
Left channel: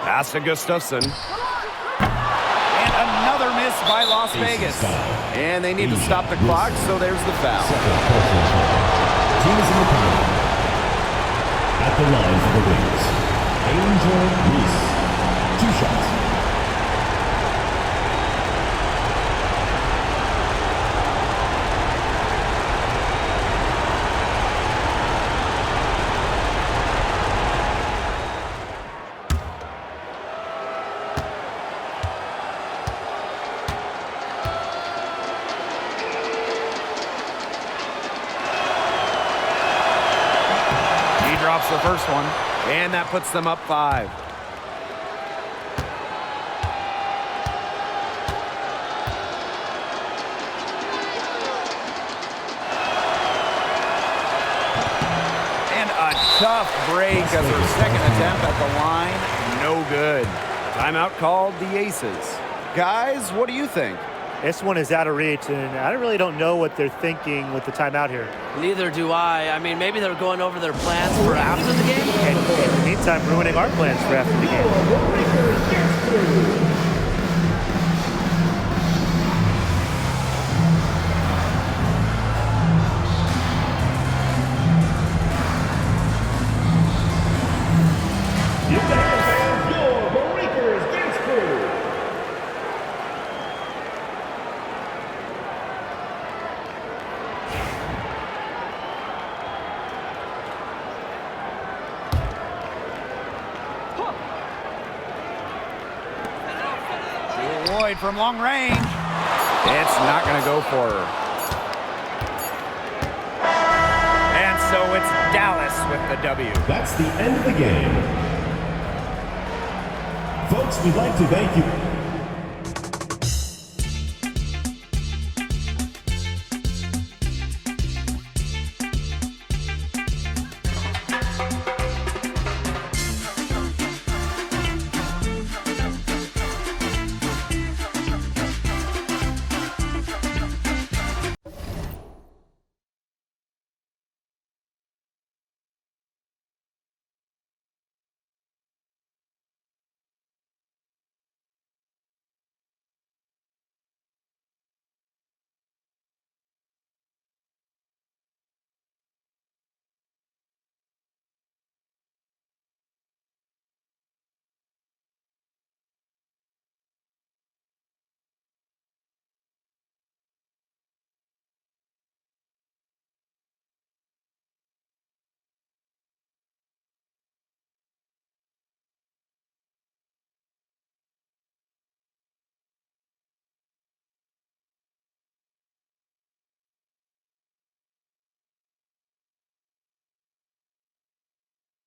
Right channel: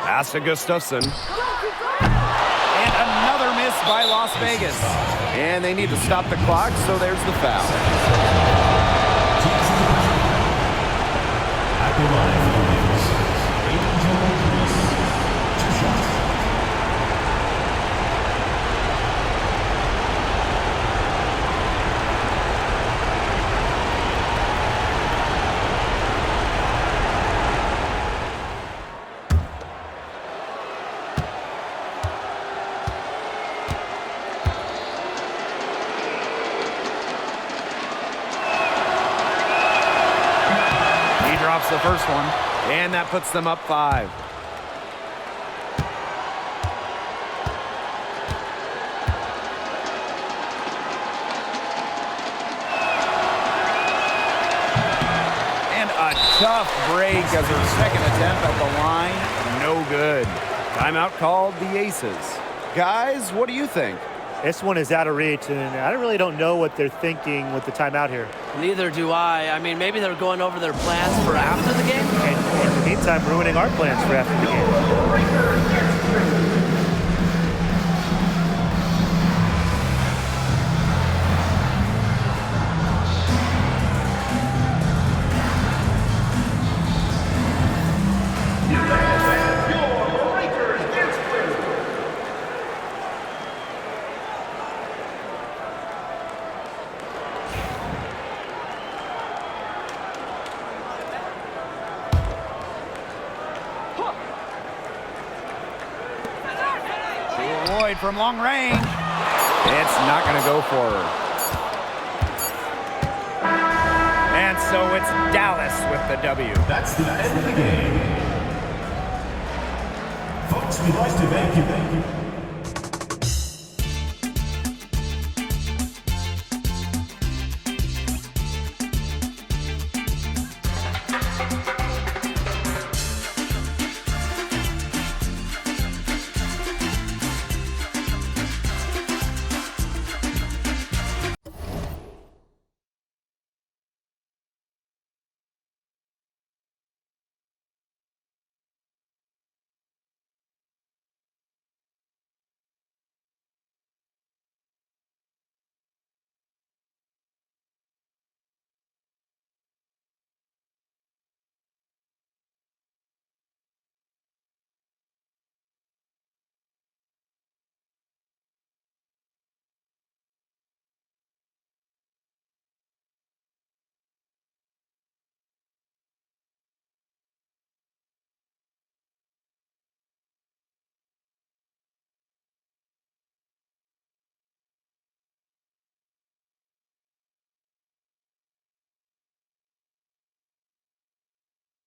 Pass to Gustafson. And another miss by Las Vegas. And they need to stop the clock, so there's the foul. Teams in the corner. At the line for the Wings, Angel Reese. 2 shots. Drops the first one, and that puts them up 5. And A tough break as her second attempt at the line. No good. Timeout called the Aces. Guys, what do you think? This one is out of reach, and I really don't know what they're thinking with the timeout here. Neither do I. I mean, maybe they're going over their plans for after the game. And in the meantime, ruining our plans for after the game. Your Breakers Dance Crew. Jewel Lloyd from long range. It's not going to go for her. And so it's Dallas with the W. That's the end of the game. Folks, we'd like to thank you.